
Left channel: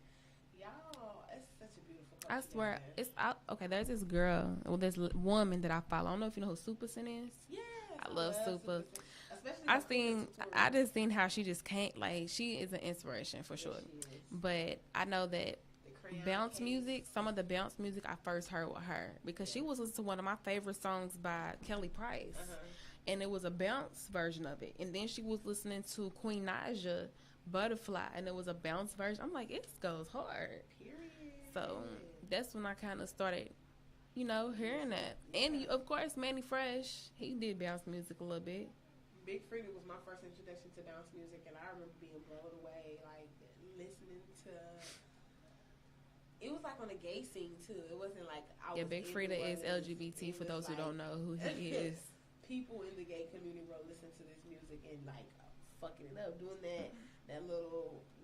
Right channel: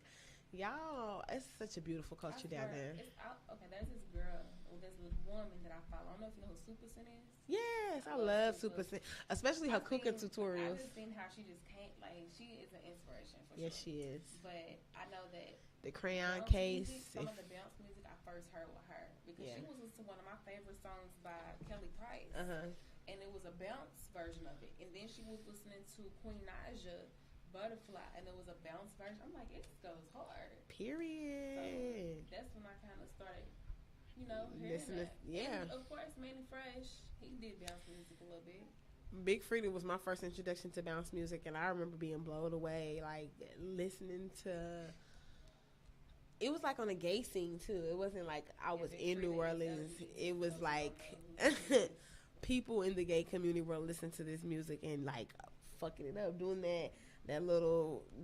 y'all, it's such a beautiful culture. I swear, down there. Okay. There's this girl, this woman that I follow. I don't know if you know who Super Sin is. Yes, I love Super Sin, especially her cooking tutorials. I just seen how she just can't, like, she is an inspiration for sure. She is. But I know that the crayon bounce case. music, some of the bounce music I first heard with her because she was listening to one of my favorite songs by Kelly Price. And it was a bounce version of it. And then she was listening to Queen Naija, Butterfly, and it was a bounce version. I'm like, it goes hard. Period. So that's when I kind of started, hearing that. Yeah. And, of course, Manny Fresh, he did bounce music a little bit. Big Freedom was my first introduction to bounce music, and I remember being blown away, like, listening to... It was like on a gay scene, too. It wasn't like I was Big in Freedom New Orleans. is LGBT, it for was those like, who don't know who he is. People in the gay community were listening to this music and like fucking it up, doing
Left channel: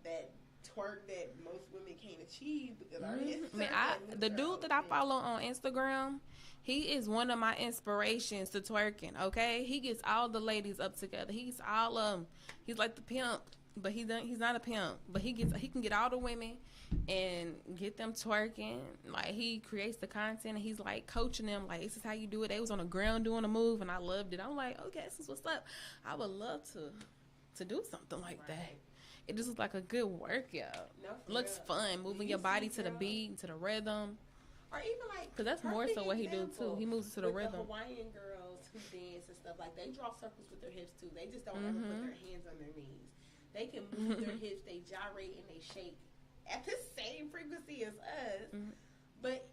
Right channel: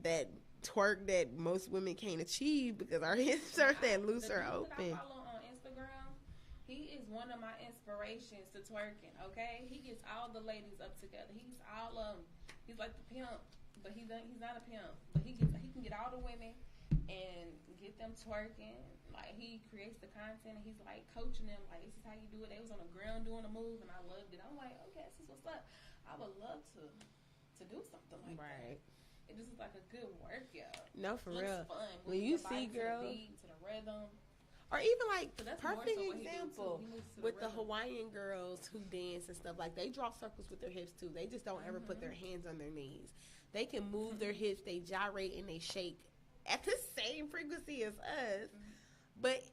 that twerk that most women can't achieve because our hips are that loose. The dude that I follow on Instagram, he is one of my inspirations to twerking. Okay, he gets all the ladies up together. He's all he's like the pimp, but he's not a pimp. But he can get all the women and get them twerking. Like, he creates the content and he's like coaching them, like, this is how you do it. They was on the ground doing a move and I loved it. I'm like, okay, this is what's up. I would love to do something like that. It just looks like a good workout. No, for looks real. fun, moving your body to the beat, to the rhythm. Or even like, because that's more so what he do too. He moves to the rhythm. The Hawaiian girls who dance and stuff, like, they draw circles with their hips too. They just don't ever put their hands on their knees. They can move their hips, they gyrate and they shake at the same frequency as us. But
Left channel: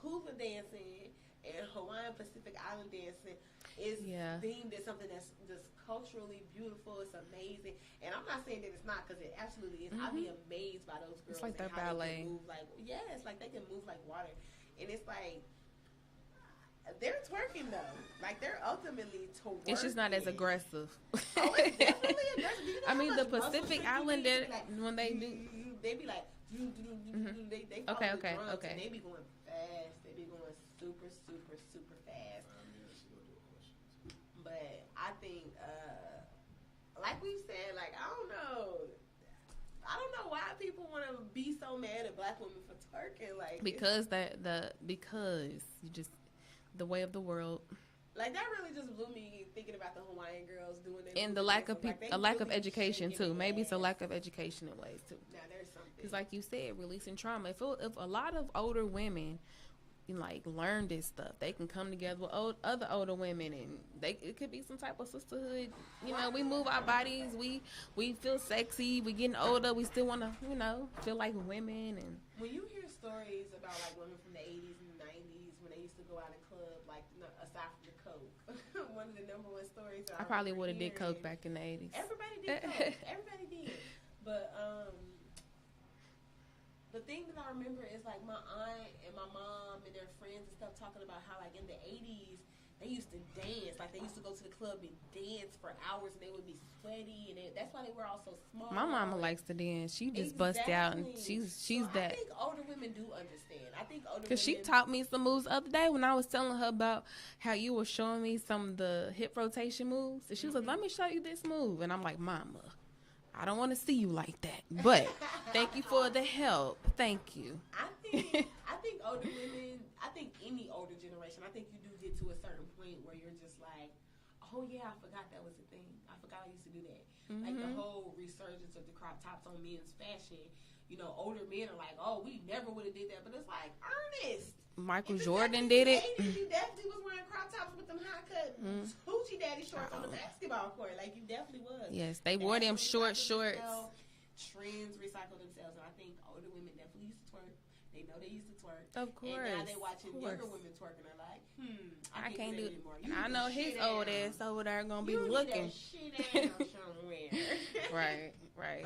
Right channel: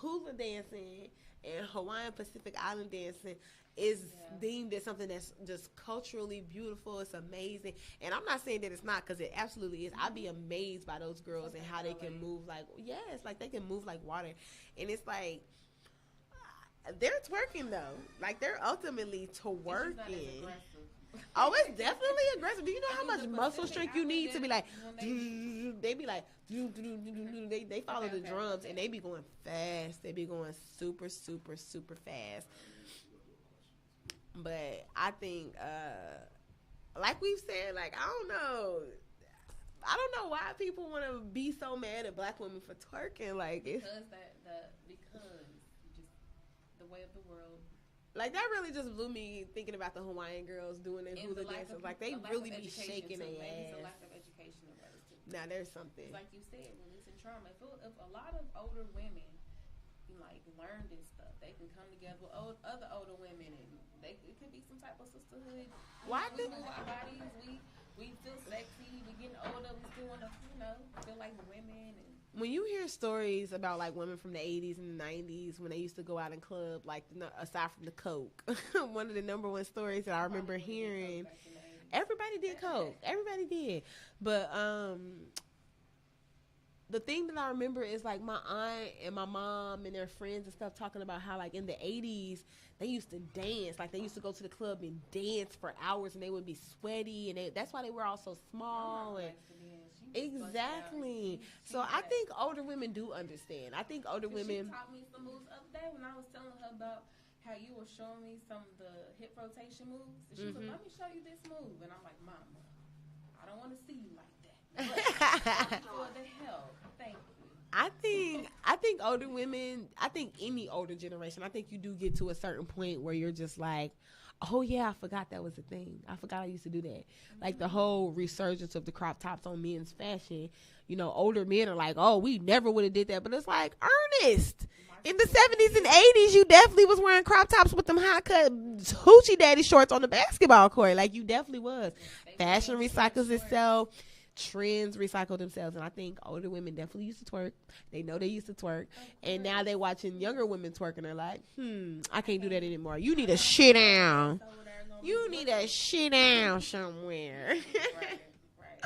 hula dancing and Hawaiian Pacific Island dancing is deemed as something that's just culturally beautiful. It's amazing. And I'm not saying that it's not, because it absolutely is. I'd be amazed by those girls and how they can move like, like they can move like water. And it's like, they're twerking though. Like, they're ultimately twerking. It's just not as aggressive. Oh, it's definitely aggressive. Do you know how much the muscle Pacific strength you need to be like, when they be like, they follow the drums and they be going fast. They be going super, super, super fast. But I think, like we've said, like, I don't know why people want to be so mad at black women for twerking. Like, because the way of the world. Like, that really just blew me thinking about the Hawaiian girls doing their and the lack of a lack of education too. Maybe it's a lack of education in ways too. Now there's something. It's like you said, releasing trauma. If a lot of older women like learn this stuff, they can come together with other older women, and it could be some type of sisterhood. We move our bodies, we feel sexy, we getting older, we still want to feel like women. And when you hear stories about like women from the 80s and the 90s when they used to go out and club, like, aside from the coke, one of the number one stories that I remember hearing. Probably would have did coke back in the 80s. Everybody did coke. Everybody did. But the thing that I remember is, like, my aunt and my mom and their friends and stuff talking about how, like, in the 80s, they used to dance. Like, they used to go to the club and dance for hours, and they would be sweaty, and that's why they were all so small. My mama likes to dance. She just busts out, and she's so I think older women do understand. I think older women... Because she taught me some moves the other day when I was telling her about how you were showing me some of the hip rotation moves. And she was like, let me show you this move. And I'm like, Mama, I don't want to see you like that, but thank you for the help. Thank you. I think older women, I think any older generation, I think you do get to a certain point where you're just like, oh yeah, I forgot that was a thing. I forgot I used to do that. Like, the whole resurgence of the crop tops on men's fashion. Older men are like, oh, we never would have did that. But it's like, Ernest, in the 70s and 80s, you definitely was wearing crop tops with them high cut hoochie daddy shorts on the basketball court. Like, you definitely was. Yes, they Fashion wore them recycles itself. Trends recycle themselves. And I think older women definitely used to twerk. They know they used to twerk. Of course, and now they watching younger women twerk, and they're like, I can't do that anymore. You need to shit down. You need to shit down somewhere. Right.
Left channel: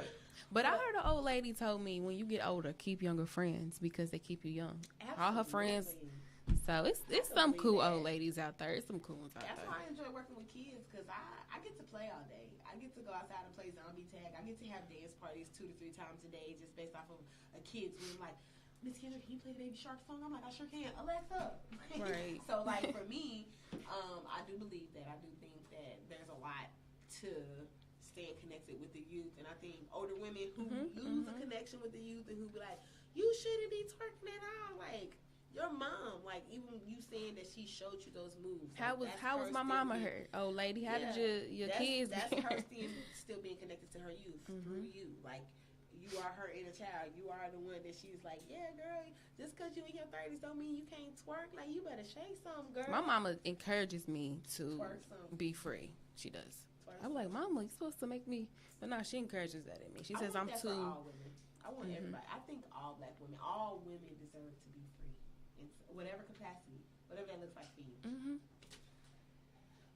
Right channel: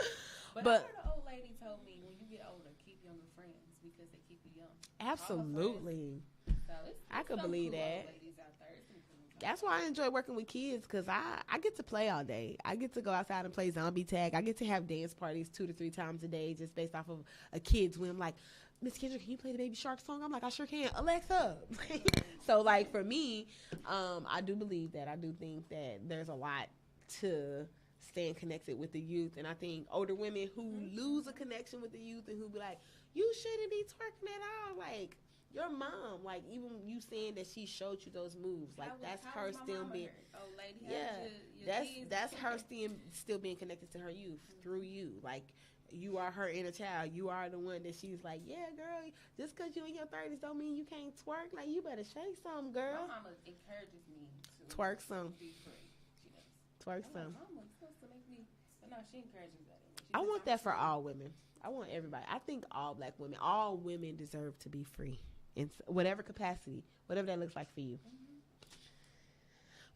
But I heard an old lady told me, when you get older, keep younger friends because they keep you young. Absolutely. All her friends. So it's some cool old ladies out there. It's some cool ones out there. That's why I enjoy working with kids, because I get to play all day. I get to go outside and play zombie tag. I get to have dance parties 2 to 3 times a day just based off of a kid's whim. Like, Miss Kendra, can you play the Baby Shark song? I'm like, I sure can. Alexa. Right. So, like, for me, I do believe that. I do think that there's a lot to staying connected with the youth. And I think older women who lose a connection with the youth and who be like, you shouldn't be twerking at all. Like, your mom, like, even you saying that she showed you those moves. How like, was my mama hurt? Oh, lady, how did your kids? That's her still being connected to her youth through you. Like, you are her inner child. You are the one that she's like, yeah, girl, just because you in your 30s don't mean you can't twerk. Like, you better shake some, girl. My mama encourages me to twerk some. Be free. She does. Twerk I'm some. like, Mama, you're supposed to make me. But no, she encourages that in me. She I says want I'm that for all women. I want everybody. I think all black women, all women deserve to be free in whatever capacity, whatever that looks like for you.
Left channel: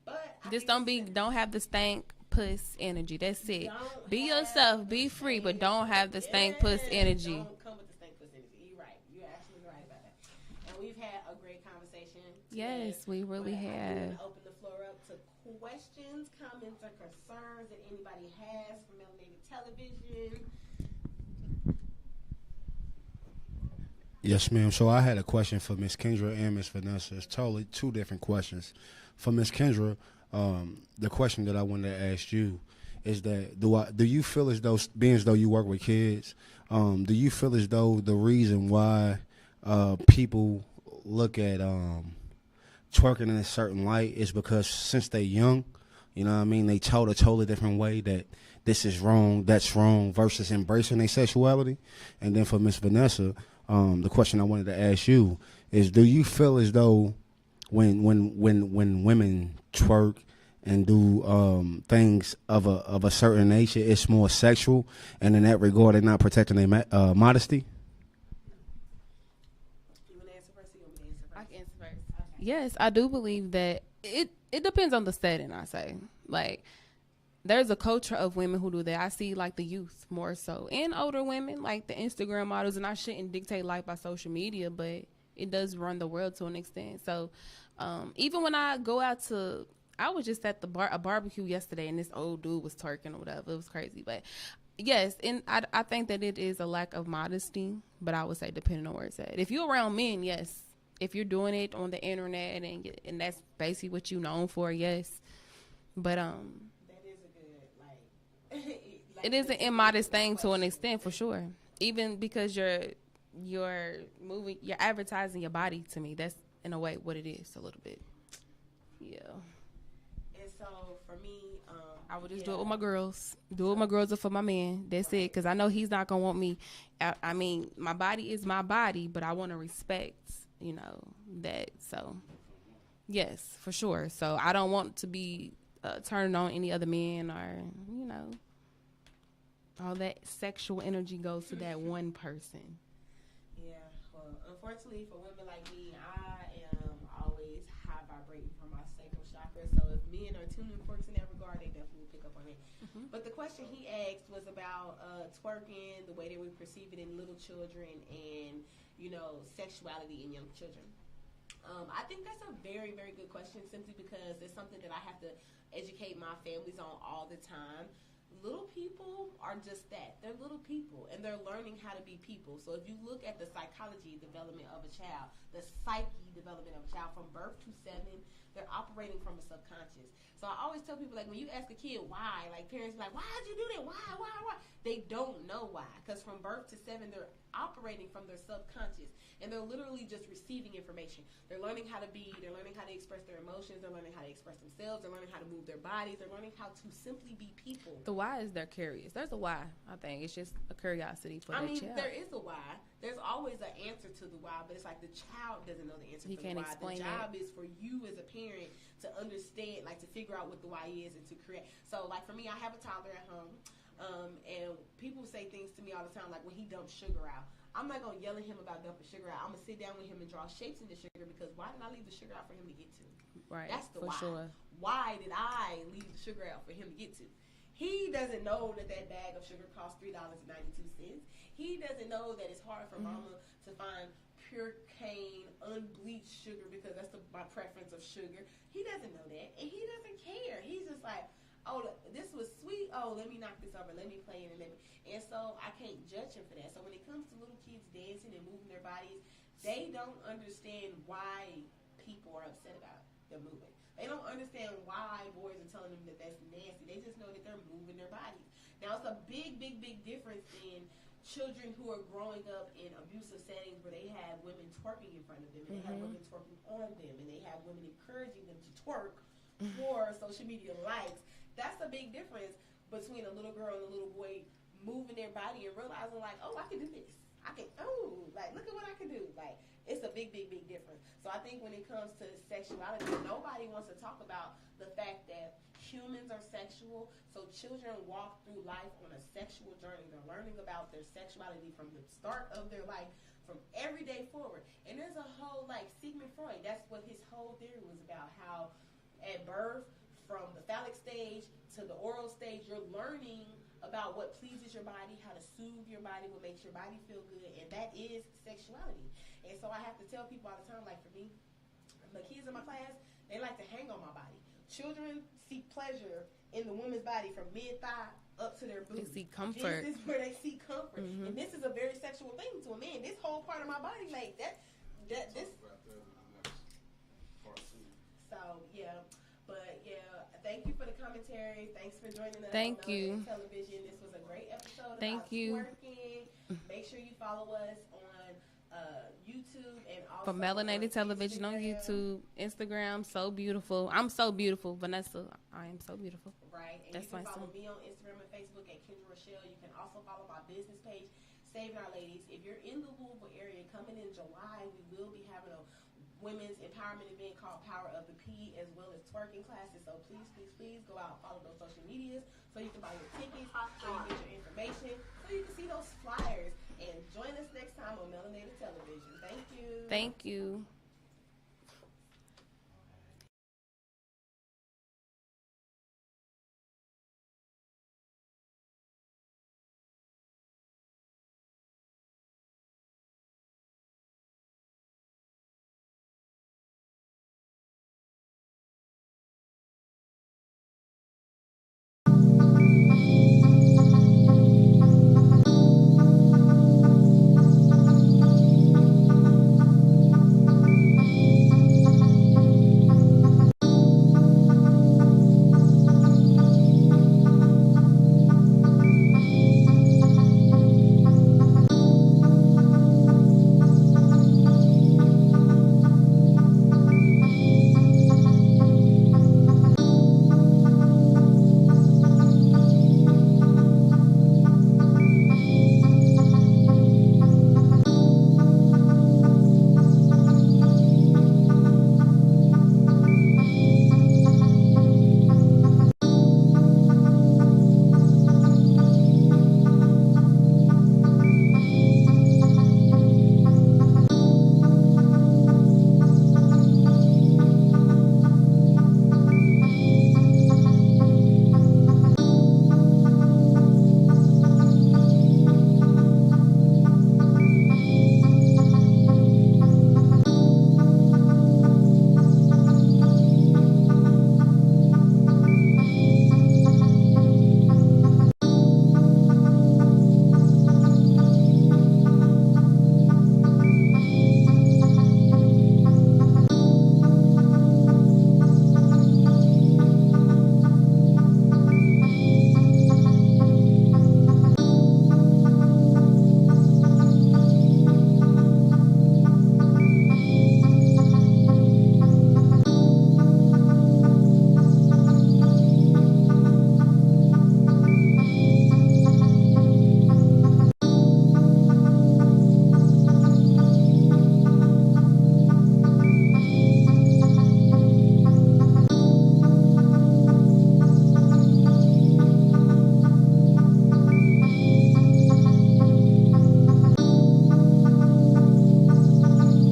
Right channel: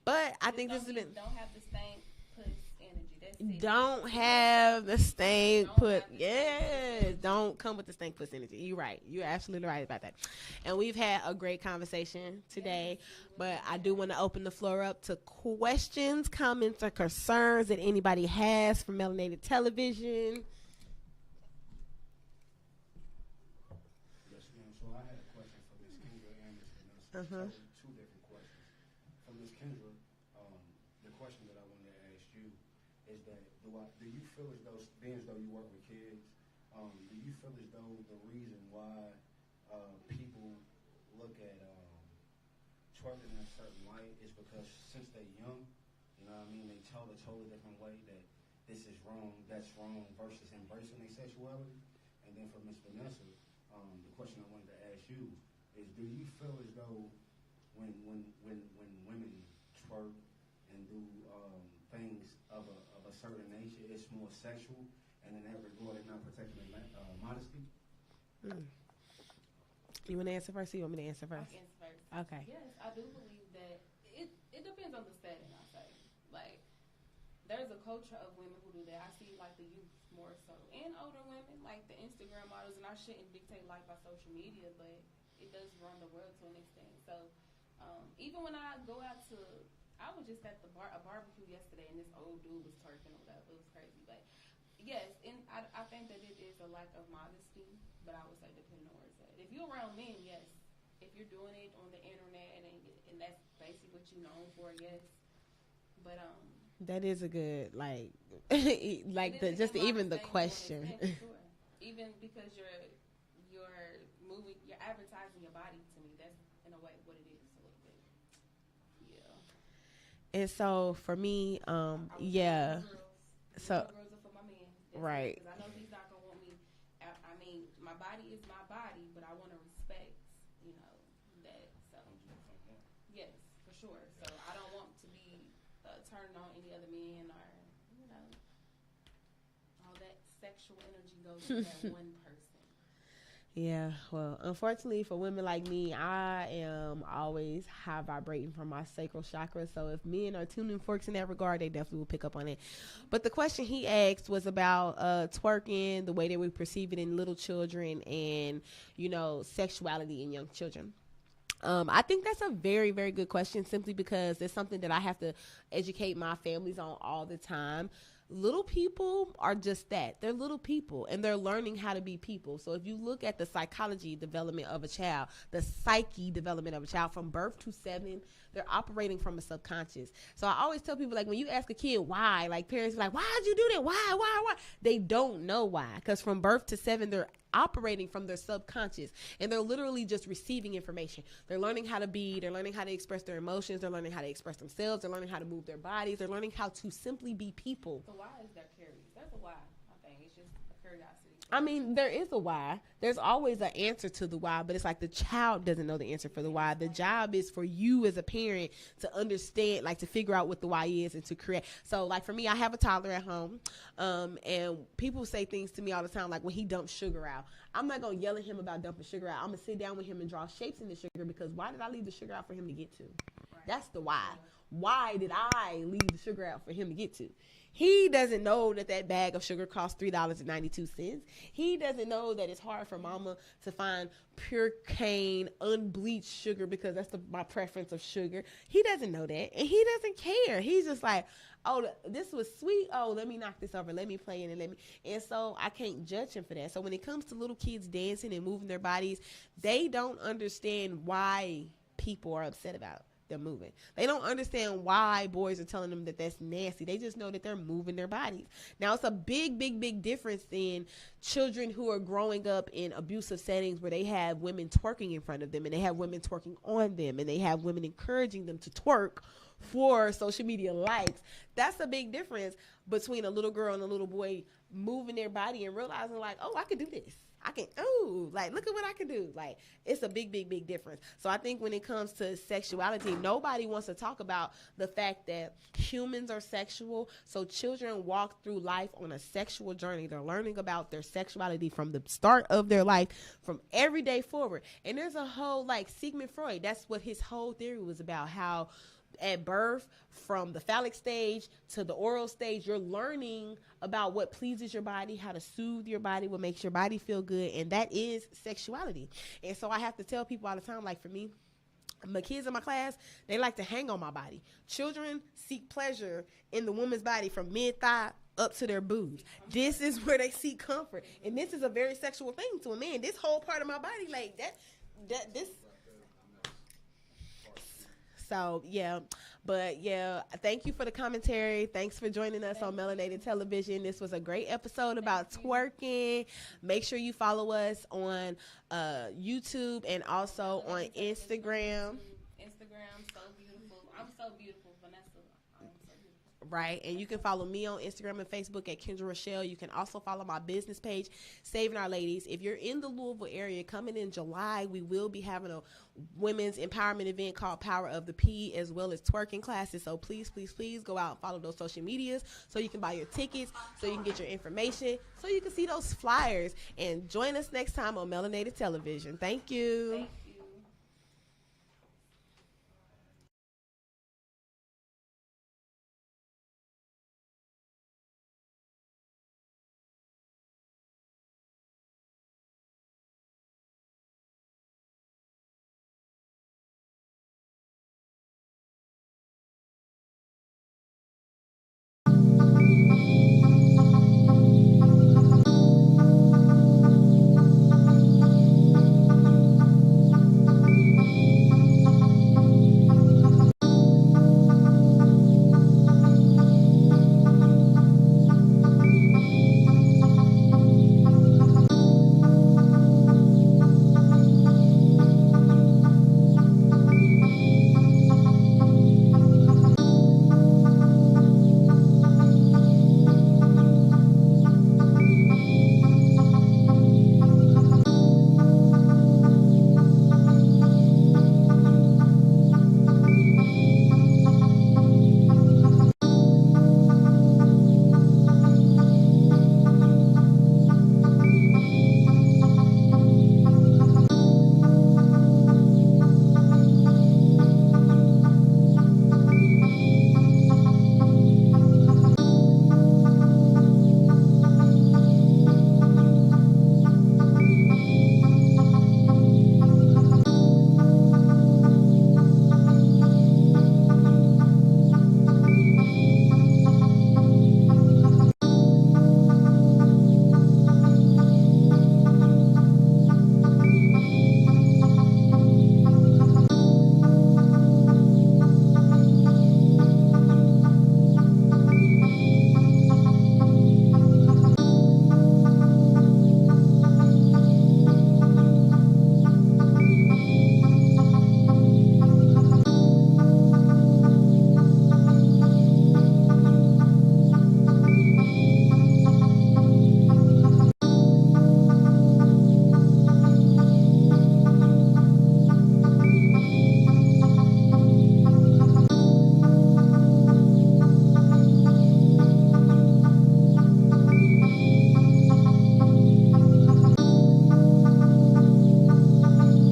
But I just think don't have the stank puss energy. That's it. Don't be have yourself. The be free, but don't have the stank puss energy. Don't come with the stank puss energy. You're right. You're absolutely right about that. And we've had a great conversation today. Yes, we really but have. I do want to open the floor up to questions, comments, or concerns that anybody has for Melanated Television. Yes, ma'am. So I had a question for Miss Kendra and Miss Vanessa. It's totally two different questions. For Miss Kendra, the question that I wanted to ask you is that do you feel as though, being as though you work with kids, do you feel as though the reason why people look at twerking in a certain light is because since they're young, you know what I mean, they told a totally different way that this is wrong, that's wrong, versus embracing their sexuality? And then for Miss Vanessa, the question I wanted to ask you is, do you feel as though when women twerk and do things of a certain nature, it's more sexual, and in that regard, they're not protecting their modesty? You want to answer first? Or you want me to answer first? I can answer first. Okay. Yes, I do believe that it depends on the setting. I say, like, there's a culture of women who do that. I see, like, the youth more so, and older women, like the Instagram models. And I shouldn't dictate life by social media, but it does run the world to an extent. So, even when I go out to, I was just at a barbecue yesterday, and this old dude was twerking or whatever. It was crazy, but yes, and I think that it is a lack of modesty. But I would say depending on where it's at. If you're around men, yes. If you're doing it on the internet and that's basically what you're known for, yes. But that is a good like it is an immodest thing to an extent, for sure. Even because you're moving, you're advertising your body to me. That's in a way what it is a little bit. Yeah. And so for me, I would just do it with my girls. Do it with my girls or for my man. That's it. Because I know he's not gonna want me. I mean, my body is my body, but I want to respect, that. So yes, for sure. So I don't want to be turning on any other men, or all that sexual energy goes to that one person. Yeah, well, unfortunately for women like me, I am always high vibrating from my sacral chakra. So if men are tuning forks in that regard, they definitely will pick up on it. But the question he asked was about twerking, the way that we perceive it in little children, and sexuality in young children. I think that's a very, very good question, simply because it's something that I have to educate my families on all the time. Little people are just that. They're little people, and they're learning how to be people. So if you look at the psychology development of a child, the psyche development of a child from birth to 7, they're operating from a subconscious. So I always tell people, like, when you ask a kid why, like, parents be like, why'd you do that? Why? They don't know why, because from birth to 7, they're operating from their subconscious, and they're literally just receiving information. They're learning how to be, they're learning how to express their emotions, they're learning how to express themselves, they're learning how to move their bodies, they're learning how to simply be people. The why is they're curious. There's a why, I think. It's just a curiosity for child. There is a why. There's always an answer to the why, but it's like the child doesn't know the answer for the why. The job is for you as a parent to understand, like, to figure out what the why is and to create. So, like, for me, I have a toddler at home, and people say things to me all the time, like when he dumps sugar out. I'm not going to yell at him about dumping sugar out. I'm going to sit down with him and draw shapes in the sugar, because why did I leave the sugar out for him to get to? Right. That's the why. Sure. Why did I leave the sugar out for him to get to? He doesn't know that bag of sugar costs $3.92. He doesn't know that it's hard for mama to find pure cane, unbleached sugar, because that's my preference of sugar. He doesn't know that, and he doesn't care. He's just like, oh, this was sweet. Oh, let me knock this over. Let me play in it. And so I can't judge him for that. So when it comes to little kids dancing and moving their bodies, they don't understand why people are upset about it. them moving. They don't understand why boys are telling them that that's nasty. They just know that they're moving their bodies. Now, it's a big, big, big difference in children who are growing up in abusive settings where they have women twerking in front of them, and they have women twerking on them, and they have women encouraging them to twerk for social media likes. That's a big difference between a little girl and a little boy moving their body and realizing, like, oh, I can do this. I can, oh, like, look at what I can do. Like, it's a big, big, big difference. So I think when it comes to sexuality, nobody wants to talk about the fact that humans are sexual. So children walk through life on a sexual journey. They're learning about their sexuality from the start of their life, from every day forward. And there's a whole, like, Sigmund Freud, that's what his whole theory was about, how at birth, from the phallic stage to the oral stage, you're learning about what pleases your body, how to soothe your body, what makes your body feel good, and that is sexuality. And so I have to tell people all the time, like for me, my kids in my class, they like to hang on my body. Children seek pleasure in the woman's body from mid-thigh up to their boobs. This is where they seek comfort. And this is a very sexual thing to a man. This whole part of my body, like this. So, yeah. But, yeah, thank you for the commentary. Thanks for joining us on Melanated Television. This was a great episode about twerking. Make sure you follow us on YouTube and also Melanated on Television Instagram. On YouTube, Instagram. So beautiful. I'm so beautiful. Vanessa, I am so beautiful. Right. And you can follow me on Instagram and Facebook at Kendra Rochelle. You can also follow my business page, Saving Our Ladies. If you're in the Louisville area, coming in July, we will be having a women's empowerment event called Power of the P, as well as twerking classes. So please, please, please go out and follow those social medias so you can buy your tickets, so you can get your information, so you can see those flyers. And join us next time on Melanated Television. Thank you. Thank you.